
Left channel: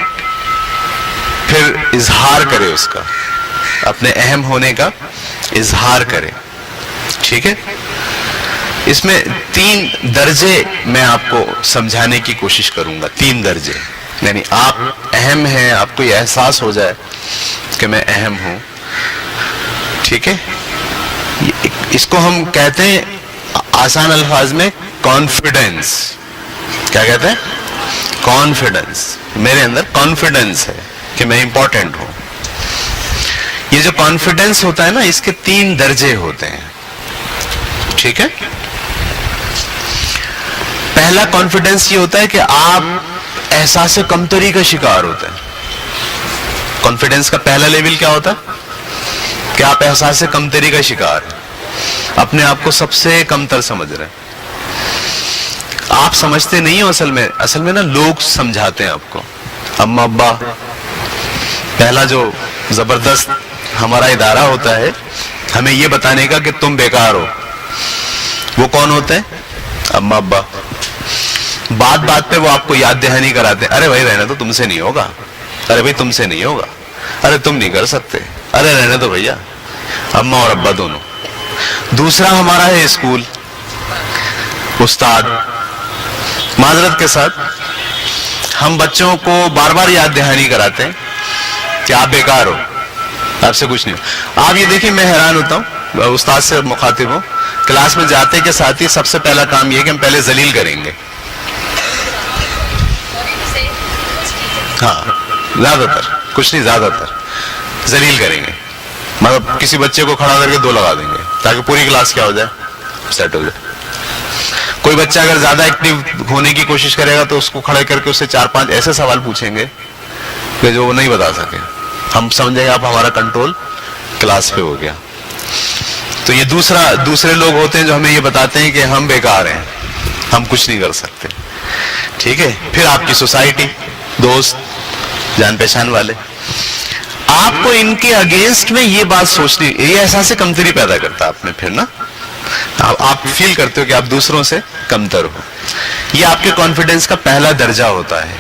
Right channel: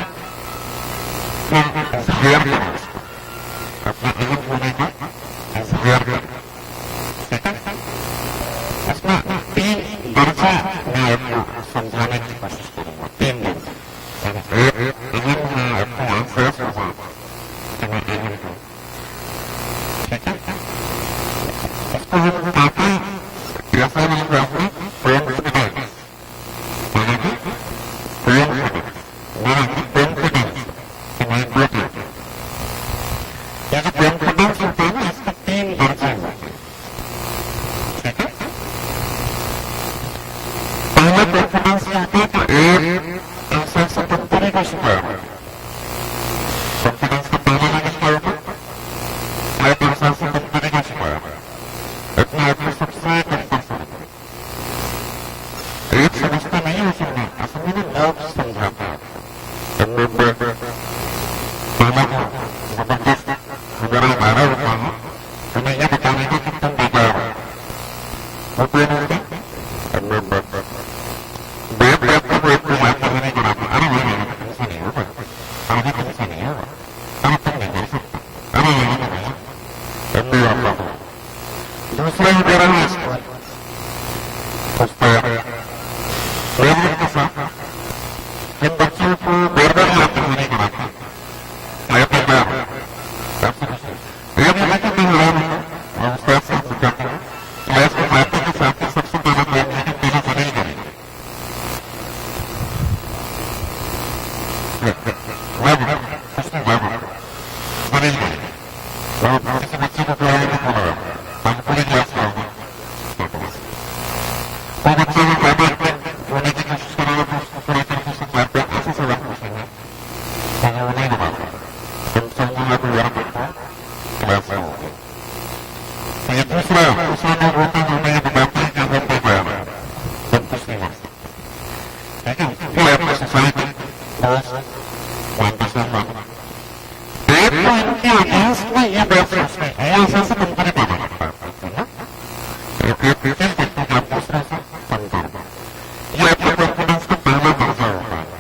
پھر اظہار کرے، اس کا اپنے اہم ہونے کا اظہار کرے، ٹھیک ہے۔ اس میں 3 درجے میں آپ کو سمجھانے کی کوشش کروں گا، 3 درجے، یعنی آپ اہم ہیں، آپ کو یہ احساس ہو جائے کہ میں اہم ہوں، ٹھیک ہے۔ اس کو ہم کہتے ہیں آسان الفاظ میں کانفیڈنس۔ کیا کہتے ہیں؟ کانفیڈنس۔ میرے اندر کانفیڈنس ہے کہ میں امپورٹنٹ ہوں۔ یہ جو کانفیڈنس ہوتا ہے نا، اس کے 3 درجے ہوتے ہیں، ٹھیک ہے۔ پہلا کانفیڈنس یہ ہوتا ہے کہ آپ احساس کمتری کا شکار ہوتے ہیں۔ کانفیڈنس کا پہلا لیول کیا ہوتا ہے؟ کہ آپ احساس کمتری کا شکار ہیں، اپنے آپ کو سب سے کمتر سمجھ رہے ہیں۔ آپ سمجھتے نہیں ہو، اصل میں نا لوگ سمجھاتے ہیں آپ کو، اما ابا۔ پہلا جو زبردست ہمارا ادارہ ہوتا ہے ہمیں یہ بتانے کا کہ تم بیکار ہو، وہ کون ہوتے ہیں؟ اما ابا۔ بات بات پہ وہ آپ کو یاد دہانی کراتے ہیں، ارے بھائی رہنا تو تم سے نہیں ہوگا، ارے بھائی تم سے نہیں ہوگا، ارے تم نہیں کر سکتے، ارے رہنے دو بھیا، اما اور ابا دونوں۔ دوسرا ہمارا ہے اسکول، استاد۔ معذرت کے ساتھ ہم بچوں کو بار بار یاد دہانی کراتے ہیں کہ آپ بیکار ہو، آپ سے کچھ نہیں ہو۔ آپ یہ دیکھیں، میں حیران ہوتا ہوں، استاد سے مخاطب ہوں، کلاس میں جاتے کے ساتھ ہی سب سے پہلا کام یہ کہ ہم پہلے ذلیل کریں گے۔ ہاں، زیادہ تر، کچھ نہیں، زیادہ تر ذلیل کریں گے، مطلب کسی بچے کو کھڑا کر کے 2 لگا دیں گے تاکہ پوری کلاس کیا ہو جائے، سیٹ ہو جائے۔ کوئی بچہ اگر زیادہ ایکٹیو ہونے کی کوشش کرے گا تو اس کو کھڑے کر کے اس سے 4-5 ایسے سوال پوچھیں گے کہ جو وہ نہیں بتا سکے، ہم سمجھیں گے آپ ہمارا کنٹرول کلاس پہ ہو گیا۔ تو یہ دوسرے لوگ ہوتے ہیں جو ہمیں یہ بتاتے ہیں کہ ہم بیکار ہیں، ہم کچھ نہیں کر سکتے، ٹھیک ہے۔ پھر آپ کی سوسائٹی، دوست، جان پہچان والے، آپ کو ان کے اگینسٹ میں یہ بات سوچنی، یہ احساس کمتری پیدا کرتا ہے آپ میں، پھر نا آپ فیل کرتے ہو کہ آپ دوسروں سے کمتر ہو۔ یہ آپ کے کانفیڈنس کا پہلا درجہ ہوتا ہے۔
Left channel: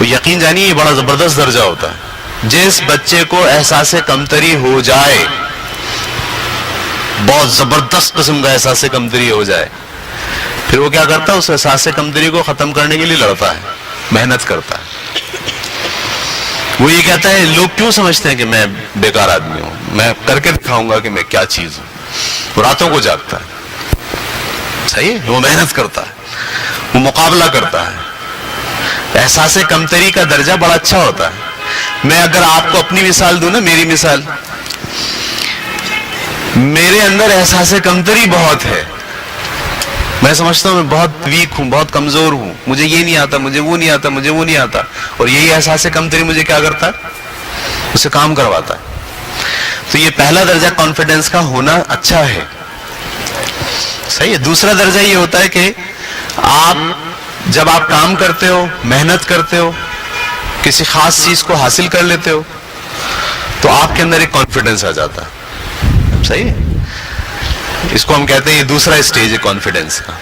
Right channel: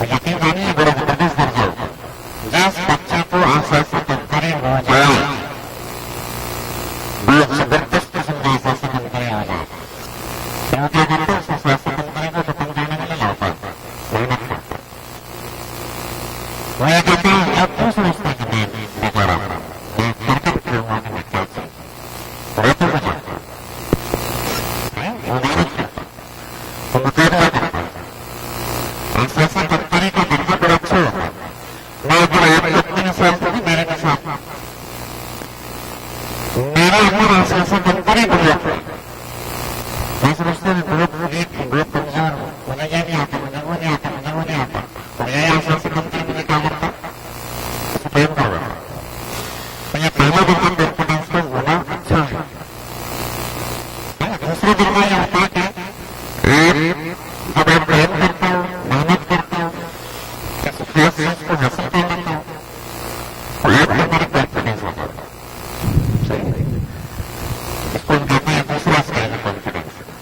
وہ یقین جانیے یہ بڑا زبردست درجہ ہوتا ہے۔ جس بچے کو احساس کمتری ہو جائے، بہت زبردست قسم کا احساس کمتری ہو جائے، پھر وہ کیا کرتا ہے؟ اس احساس کمتری کو ختم کرنے کے لیے لڑتا ہے، محنت کرتا ہے۔ وہ یہ کہتا ہے، لوگ کیوں سمجھتے ہیں کہ میں بیکار آدمی ہوں، میں کر کے دکھاؤں گا کہ میں کیا چیز ہوں۔ وہ راتوں کو جاگتا ہے، صحیح ہے، وہ محنت کرتا ہے، وہ مقابلہ کرتا ہے۔ احساس کمتری کا درجہ بڑا اچھا ہوتا ہے۔ میں اگر آپ کو اپنی مثال دوں نا، میری مثال، میرے اندر احساس کمتری بہت ہے، میں سمجھتا ہوں میں بہت ویک ہوں، بہت کمزور ہوں، مجھے یہ نہیں آتا، مجھے وہ نہیں آتا، مجھے وہ نہیں آتا، اور یہی احساس کمتری مجھے کیا کرتا ہے؟ اسے کام کرواتا ہے۔ تو یہ پہلا درجہ کانفیڈنس کا ہونا اچھا ہے، صحیح ہے۔ دوسرا درجہ یہ ہوتا ہے کہ جب آپ کام کرتے ہو، محنت کرتے ہو، کسی خاص چیز کو حاصل کر لیتے ہو، تو آپ کے اندر ایک کانفیڈنس آ جاتا ہے، صحیح ہے۔ اس کو ہم کہتے ہیں یہ دوسرا اسٹیج ہے کانفیڈنس کا،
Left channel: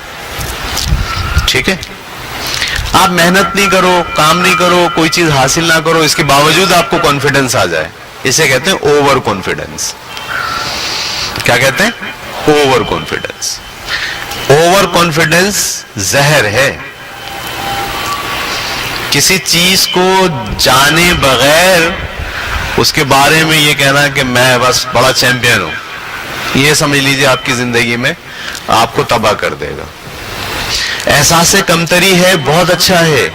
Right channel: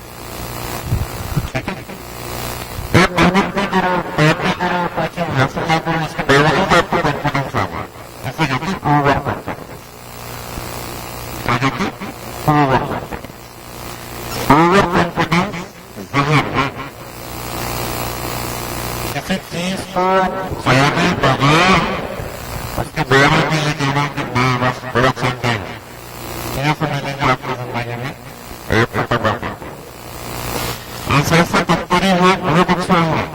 ٹھیک ہے۔ آپ محنت نہیں کرو، کام نہیں کرو، کوئی چیز حاصل نہ کرو، اس کے باوجود آپ کو کانفیڈنس آ جائے، اسے کہتے ہیں اوور کانفیڈنس۔ کیا کہتے ہیں؟ Over confidence. اوور کانفیڈنس زہر ہے۔ کسی چیز کو جانے بغیر اس کے بارے میں یہ کہنا کہ میں بس بڑا چیمپئن ہوں، یہ سمجھ لیجیے آپ کی زندگی میں آپ کو تباہ کر دے گا۔ احساس کمتری ہے، بہت اچھا ہے،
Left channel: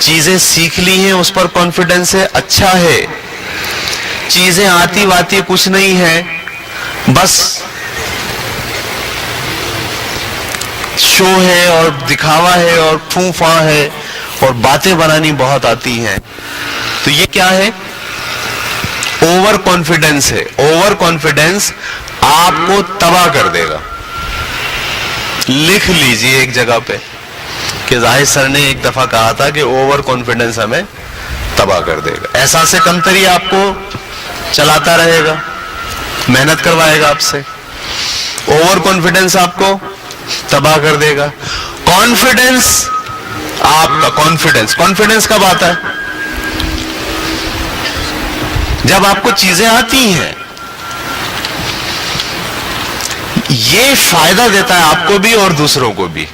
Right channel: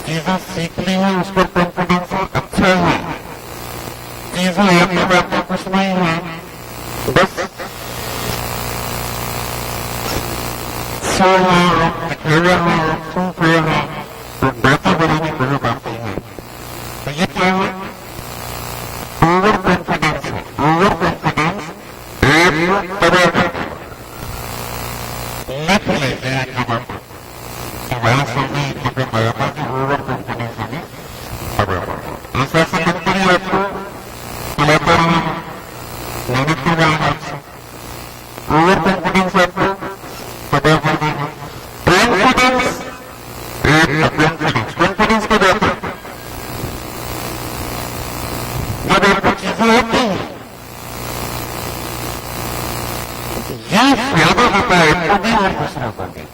چیزیں سیکھ لی ہیں اس پر کانفیڈنس ہے، اچھا ہے، چیزیں آتی واتی کچھ نہیں ہے، بس شو ہے اور دکھاوا ہے اور پھوں پھاں ہے اور باتیں بنانی بہت آتی ہیں، تو یہ کیا ہے؟ اوور کانفیڈنس ہے۔ اوور کانفیڈنس آپ کو تباہ کر دے گا۔ لکھ لیجئے ایک جگہ پہ کہ زاہد سر نے ایک دفعہ کہا تھا کہ اوور کانفیڈنس ہمیں تباہ کر دے گا۔ احساس کمتری آپ کو چلاتا رہے گا، محنت کروائے گا آپ سے، اوور کانفیڈنس آپ کو تباہ کر دے گا. کانفیڈنس آپ کا کانفیڈنس کب آتا ہے؟ جب آپ کو چیزیں آتی ہیں. یہ فائدہ دیتا ہے آپ کو بھی اور دوسروں کو بھی.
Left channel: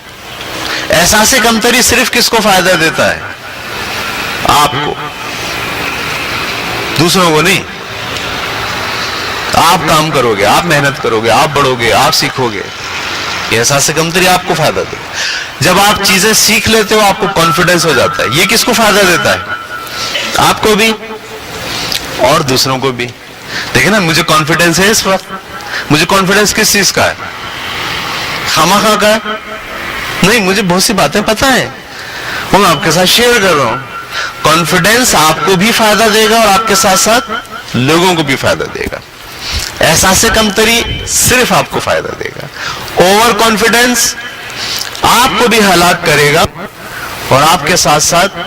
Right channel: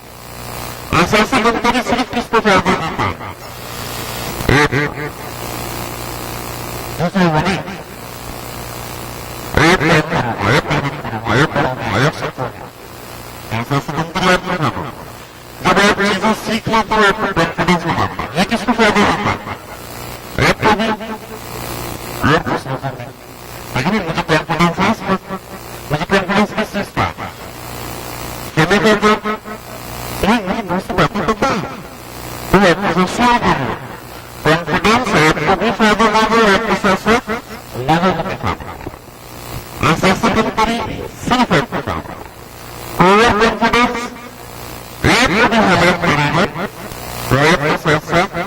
احساس کمتری صرف کس کو فائدہ دیتا ہے؟ آپ کو، دوسروں کو نہیں. آپ کام کرو گے، آپ محنت کرو گے، آپ بڑھو گے، آپ سیکھو گے، یہ احساس کمتری آپ کو فائدہ دے گا. جب آپ چیزیں سیکھ لیتے ہو آپ کو کانفیڈنس ہو جاتا ہے. یہ کس کو فائدہ دیتا ہے؟ آپ کو بھی اور دوسروں کو بھی. دیکھیں نا، مجھے کانفیڈنس ہے اس وقت. مجھے کانفیڈنس کس چیز کا ہے؟ خامخواہ کا نہیں، مجھے بہت سی باتیں پتہ ہے، وہ آپ کے ساتھ شیئر کر رہا ہوں. کانفیڈنس آپ کو بھی فائدہ دے گا اور آپ کے ساتھ ساتھ لوگوں کو بھی فائدہ دے گا. احساس کمتری صرف آپ کو فائدہ دے گا. اوور کانفیڈنس آپ کو بھی ہلاک کرے گا اور آپ کے ساتھ ساتھ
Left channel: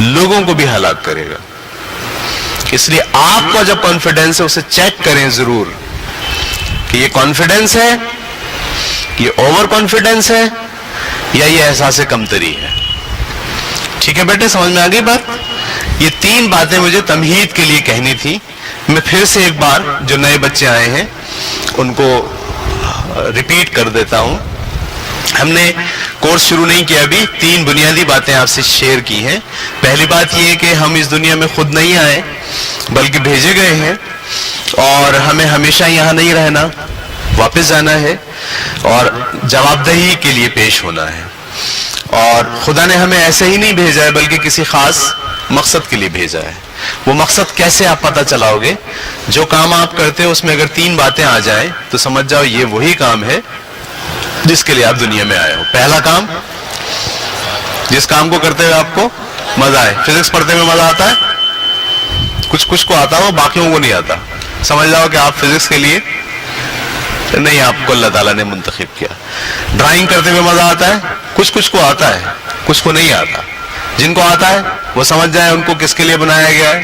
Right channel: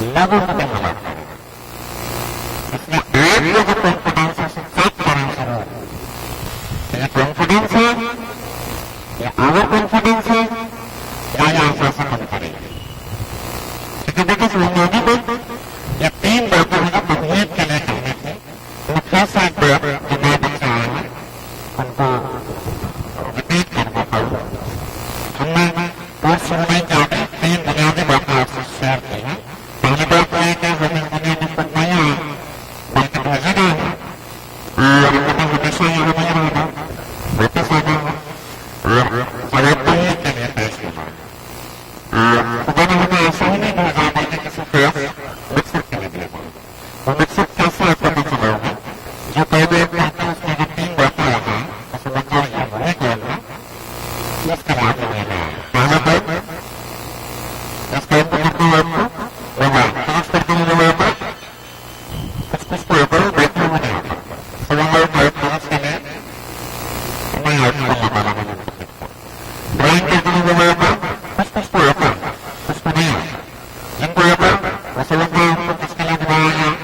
لوگوں کو بھی ہلاک کرے گا. اس لیے آپ کا جب کانفیڈنس ہے اسے چیک کریں ضرور کہ یہ کانفیڈنس ہے، یہ اوور کانفیڈنس ہے، یا یہ احساس کمتری ہے. ٹھیک ہے بیٹے، سمجھ میں آ گئی بات؟ یہ 3 باتیں مجھے تمہید کے لیے کہنی تھی. میں پھر سے ایک بار جو نئے بچے آئے ہیں ان کو ریپیٹ کر دیتا ہوں. ہم نے کورس شروع نہیں کیا ابھی. 3 بنیادی باتیں آپ سے شیئر کی ہیں. پہلی بات یہ کہ ہم اس دنیا میں خود نہیں آئے بلکہ بھیجے گئے ہیں، اور ہمیں ہمیشہ یہاں نہیں رہنا، واپس جانا ہے اور جواب دہی کے لیے پیش ہونا ہے. اور خدا نے ہمیں ایسے ہی نہیں بھیجا ہے بلکہ کسی خاص مقصد کے لیے بھیجا ہے. وہ مقصد کیسے آپ پتہ چلاؤ گے؟ جو کام آپ کرتے ہو اس میں اگر 3 باتیں آ جائیں تو سمجھ جاؤ یہ وہی کام ہے جس کے لیے آپ دنیا میں آئے ہو. پہلا کام، جس کام کو کرتے ہوئے آپ کو مزہ آئے. فزکس پڑھتے ہوئے مزہ آتا ہے؟ کچھ کو آتا ہو، باقیوں کو نہیں آتا. سمجھ جاؤ کہ آپ فزکس کے لیے نہیں، آپ کو اللہ تعالیٰ نے منتخب کیا. ڈرائنگ کرتے ہوئے مزہ آتا ہے؟ کچھ کو آتا ہے، کچھ کو نہیں آتا. جن کو آتا ہے وہ سمجھ جائیں ان کو کس کے لیے بنایا گیا ہے؟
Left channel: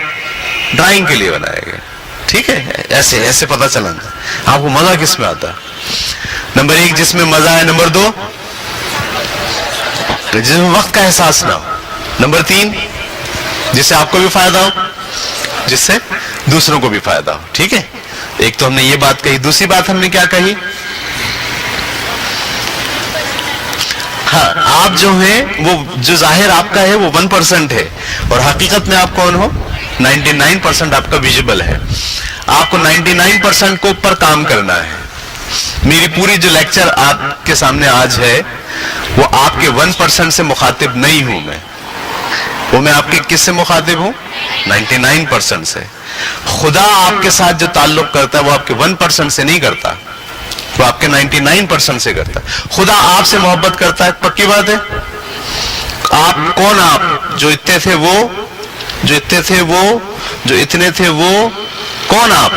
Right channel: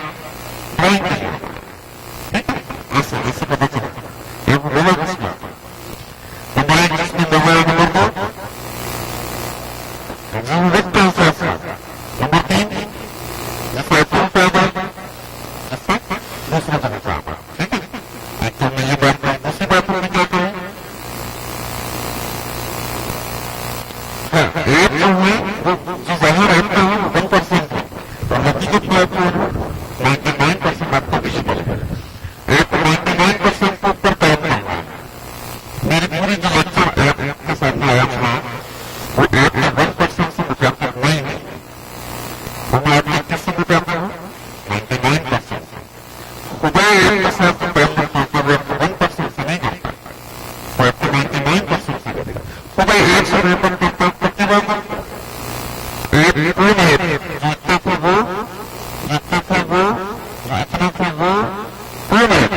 ڈرائنگ کے لیے بنایا گیا. ٹھیک ہے، ایسے پتہ چلا آپ کو مزہ کس میں آتا ہے. نمبر 1 جس میں مزہ ہے. نمبر 2 جس میں وقت کا احساس نہ ہو. نمبر 3 جس سے آپ کو بھی فائدہ ہو، جس سے دوسروں کو بھی فائدہ ہو. ٹھیک ہے، ایک تو ہم نے یہ بات کہی. دوسری بات ہم نے کیا کہی؟ ہاں، آپ جو ہیں وہ جو ظاہر آپ کا ہے وہ 1% ہے اور حقیقت میں آپ کون ہو؟ 99% آپ کا ویژیبل ہے. آپ کو 99% کو اوپر کام کرنا ہے. میری پوری جو لیکچر آپ کے سامنے آج ہے وہ آپ کے 1% سے مخاطب نہیں ہوں میں. وہ میں آپ کے کس سے مخاطب ہوں؟ 99% سے. خدا آپ کے ساتھ جو تعلق کرتا ہے وہ آپ کے 1% سے نہیں کرتا، وہ آپ کے 99% سے کرتا ہے. خدا آپ سے محبت کرتا ہے، پکی بات ہے. آپ کون؟ آپ جو اتنے تھے وہ، جو اتنے تھے وہ، جو اتنے تھے وہ، کون آپ؟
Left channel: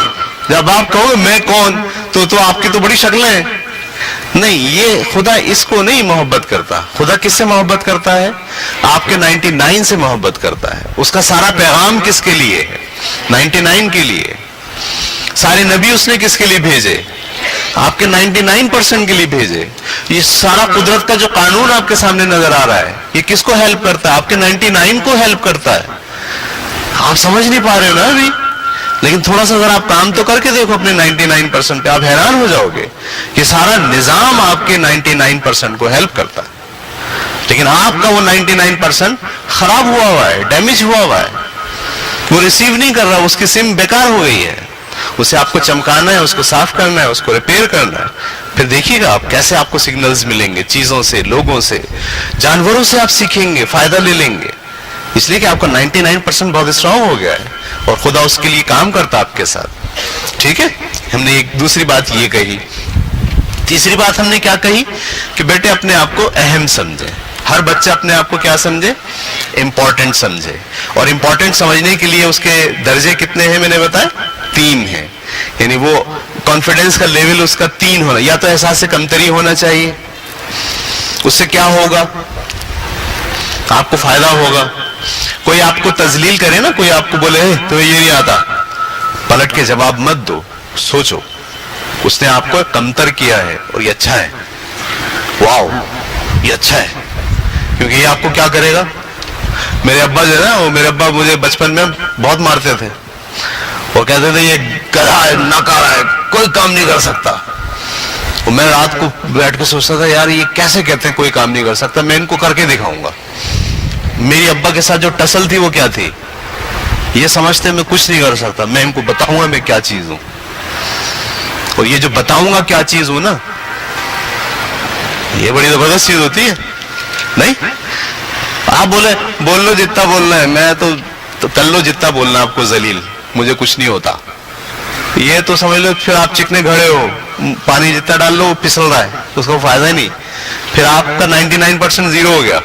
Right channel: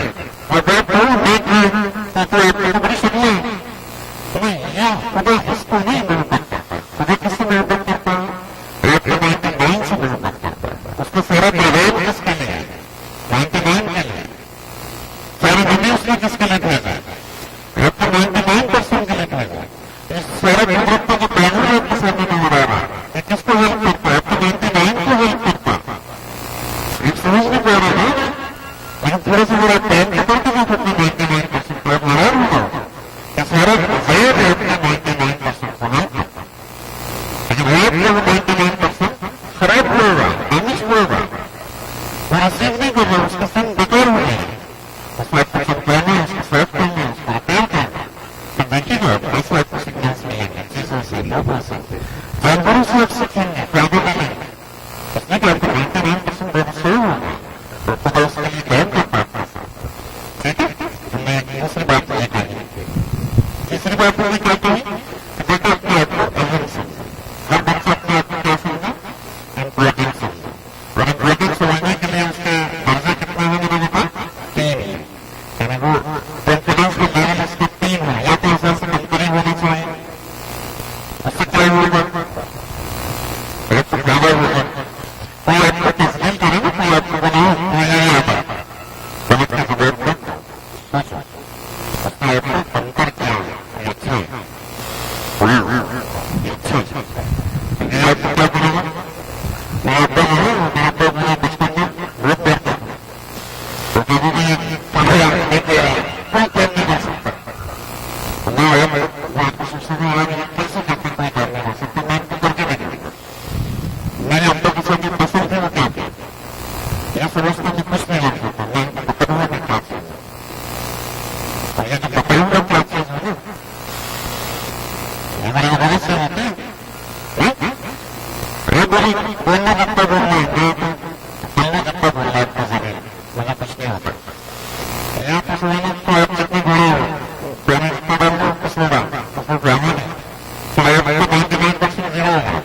جب آپ کہو میں کون تو آپ کی تو بڑی شکلیں ہیں. نہیں، یہ خدا اس کو نہیں محبت کرتا. خدا کس سے محبت کرتا ہے؟ آپ کے 99 سے محبت کرتا ہے. اس کا سارا پیغام کس کے لیے ہے؟ 99 کے لیے. سارے نبی اس نے کس کے لیے بھیجے؟ آپ کے 99% کے لیے بھیجے. یہ سارا قدرت کا جو قانون آپ کے سامنے نظر آ رہا ہے یہ کس کو ہیلپ کرتا ہے؟ آپ کے 99 کو ہیلپ کرتا ہے. آپ سمجھ نہیں پا رہے نا ابھی، لیکن تھوڑا سا اگر آپ کام تو کر کے دیکھو اپنے 99% پہ، آپ حیران ہو جاؤ گے کہ سارا نظام آپ کے 99% کو ہیلپ کرتا ہے. لیکن آپ کا وہ 99% خراب ہوا ہے، ڈیمیج ہوا ہے، وہ ریسیو نہیں کر رہا، اس کی سم بیکار ہو گئی ہے. اسے آپ کو چمکانا ہے، اس کو صاف کرنا ہے، اس کو ریپیئر کرنا ہے. پھر دیکھیے گا آپ کیسے آپ کو سگنلز ملیں گے، چیزوں سے، لوگوں سے، جانوروں سے آپ سیکھیں گے، فائدہ لے لیں گے. اس لیے کہ آپ کا 99% بہت اسٹرانگ ہو گیا ہے اور خدا اس کے لیے کام کرتا آپ کے ساتھ. ٹھیک ہے، ہم نے ایک دوسری بات یہ کہی. تیسری بات ہم نے کیا کہی کہ بیٹے اپنے آپ کو اہم سمجھے. ہر بچہ اپنے آپ کو کیا سمجھے؟ امپورٹنٹ سمجھے. اور امپورٹنٹ سمجھنے کے لیے اس کے درجے کتنے ہیں میں نے بتایا؟ 3 ہیں. یعنی وہ کانفیڈنس کا لیول اس کا 3 ہونا. یا تو احساس سے کمتری ہونا چاہیے، اس سے کیا ہوگا؟ آپ کو فائدہ ہوگا. کوئی آپ کو تذلیل کرے نا، کوئی آپ کو بولے تو یہ نہیں آتا، پلٹ کے جواب مت دو، سوچو اس نے آپ کو کمتر کیا ہے، اور یہ اچھا ہے، واو یہ اچھا ہے، کیونکہ یہ آپ کو کیا کرے گا. میرے ابا جو ہے نا، وہ میرے ابا مجھے بچپن میں بہت مارتے تھے، وہ کہتے تھے یہ کرا ہے نہ کرا ہے کوئی کام نہیں کر سکتا. میں رات کو بیٹھ کے سوچتا تھا یار یہ کیسے کہتے ہیں کوئی کام نہیں کر سکتا، میں ان کو کر کے دکھاؤں گا. میری ابا کے ساتھ جو ٹسل تھی وہ کیا تھی، یہ سمجھتے میں کچھ نہیں کر سکتا، میں ان کو بتاؤں گا میں کیا چیز ہوں. اور یہ جو بتاؤں گا کیا چیز ہوں نا، یہ بڑی زبردست چیز ہوتی ہے. نہیں آپ بول لو جتنا بولنا ہے، میں تو کر لو جتنا بولنا آپ کو ذلیل، مجھے کچھ نہیں ہوتا. یہ تو سمجھ لو پھر آپ چکنے کھڑے ہو، پانی جتنا ڈال لو وہ پسل رہا ہے، اس کو فائدہ ہی نہیں، پھر آپ کا 99% زیرو ہو گیا.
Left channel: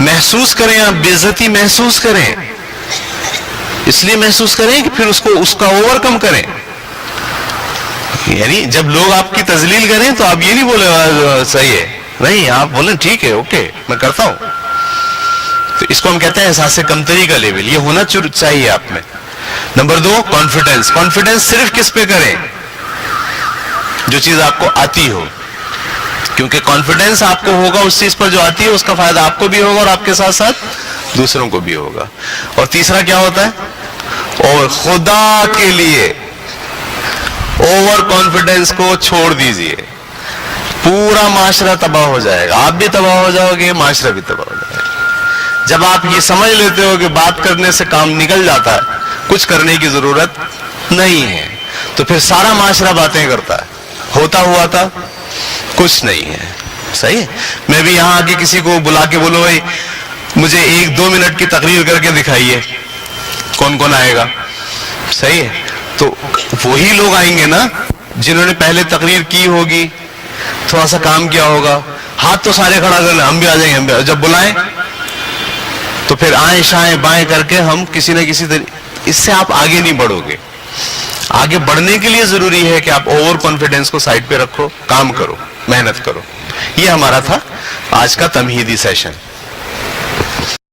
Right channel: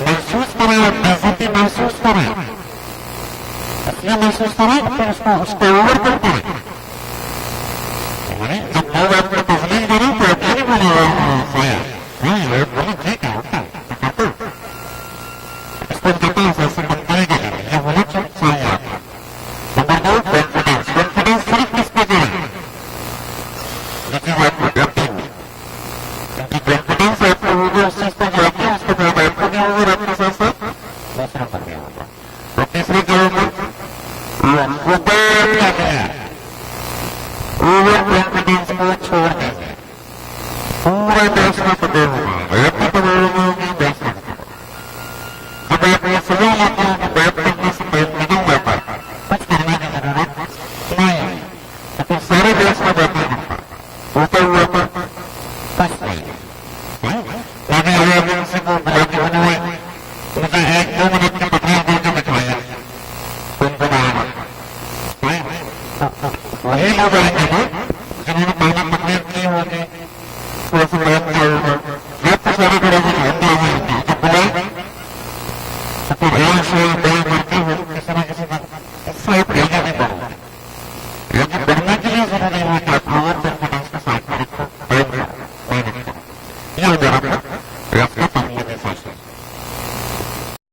محسوس کریں، آپ بے عزتی محسوس کریں، اس لیے محسوس کریں کہ پھر اس کا اوور کم کریں. یعنی جب لوگ آپ کی تذلیل کریں تو آپ یہ نہیں بولے صحیح ہے، نہیں آپ بولیں ٹھیک ہے اوکے میں کرتا ہوں. تو اس کو ہم کہتے ہیں احساس کمتری کا لیول، یہ ہونا چاہیے آپ میں. Number 2 confidence. کانفیڈنس صرف کس پہ کریں، جو چیز آپ کو آتی ہو، کیونکہ کانفیڈنس آپ کو ہوگا اس چیز پر جو آتی ہے، اس کا فائدہ آپ کو بھی ہوگا اور آپ کے ساتھ ساتھ دوسروں کو بھی ہوگا. اور تیسرا کیا ہوتا ہے، اور خدا کے لیے اوور کانفیڈنس کو چھوڑ دیجئے، پورا معاشرہ تباہ ہو جائے گا، آپ بھی تباہ ہو جاؤ گے، معاشرہ بھی تباہ ہو جائے گا. جب آپ یہ سمجھ لیتے ہو کہ بات کرنے سے کام نکل جاتا ہے، کچھ کرنے کی ضرورت نہیں ہے، تو پھر سارا معاشرہ باتیں کرتا ہے، ہوتا ہوا تھا کچھ نہیں ہے. صحیح ہے. میں بھی یہاں آ کے کسی کو بلا کے بولو بھائی مجھے 1-2 منٹ کی تقریر کر کے دکھائیے، کون کون آئے گا؟ صحیح ہے. تو وہی لوگ آئیں گے نا جنہوں نے پہلے تقریر کی ہوگی، تھوڑا سا کام کیا ہوگا. ہاتھ تو سارے کھڑا کرنا، ہم بھی آ جائیں گے، ہم بھی جب بلائیں تو پھر آئیں شائیں بائیں کر کے ہم کسی نہ کسی طریقے، اس سے آپ آگے نہیں بڑھو گے. آگے بڑھنے کے لیے ضروری ہے کہ آپ اوور کانفیڈنس کو سائڈ پہ رکھو، کام کرو، محنت کرو. یہ ہمارا تھا آج کا تمہیدی سیشن.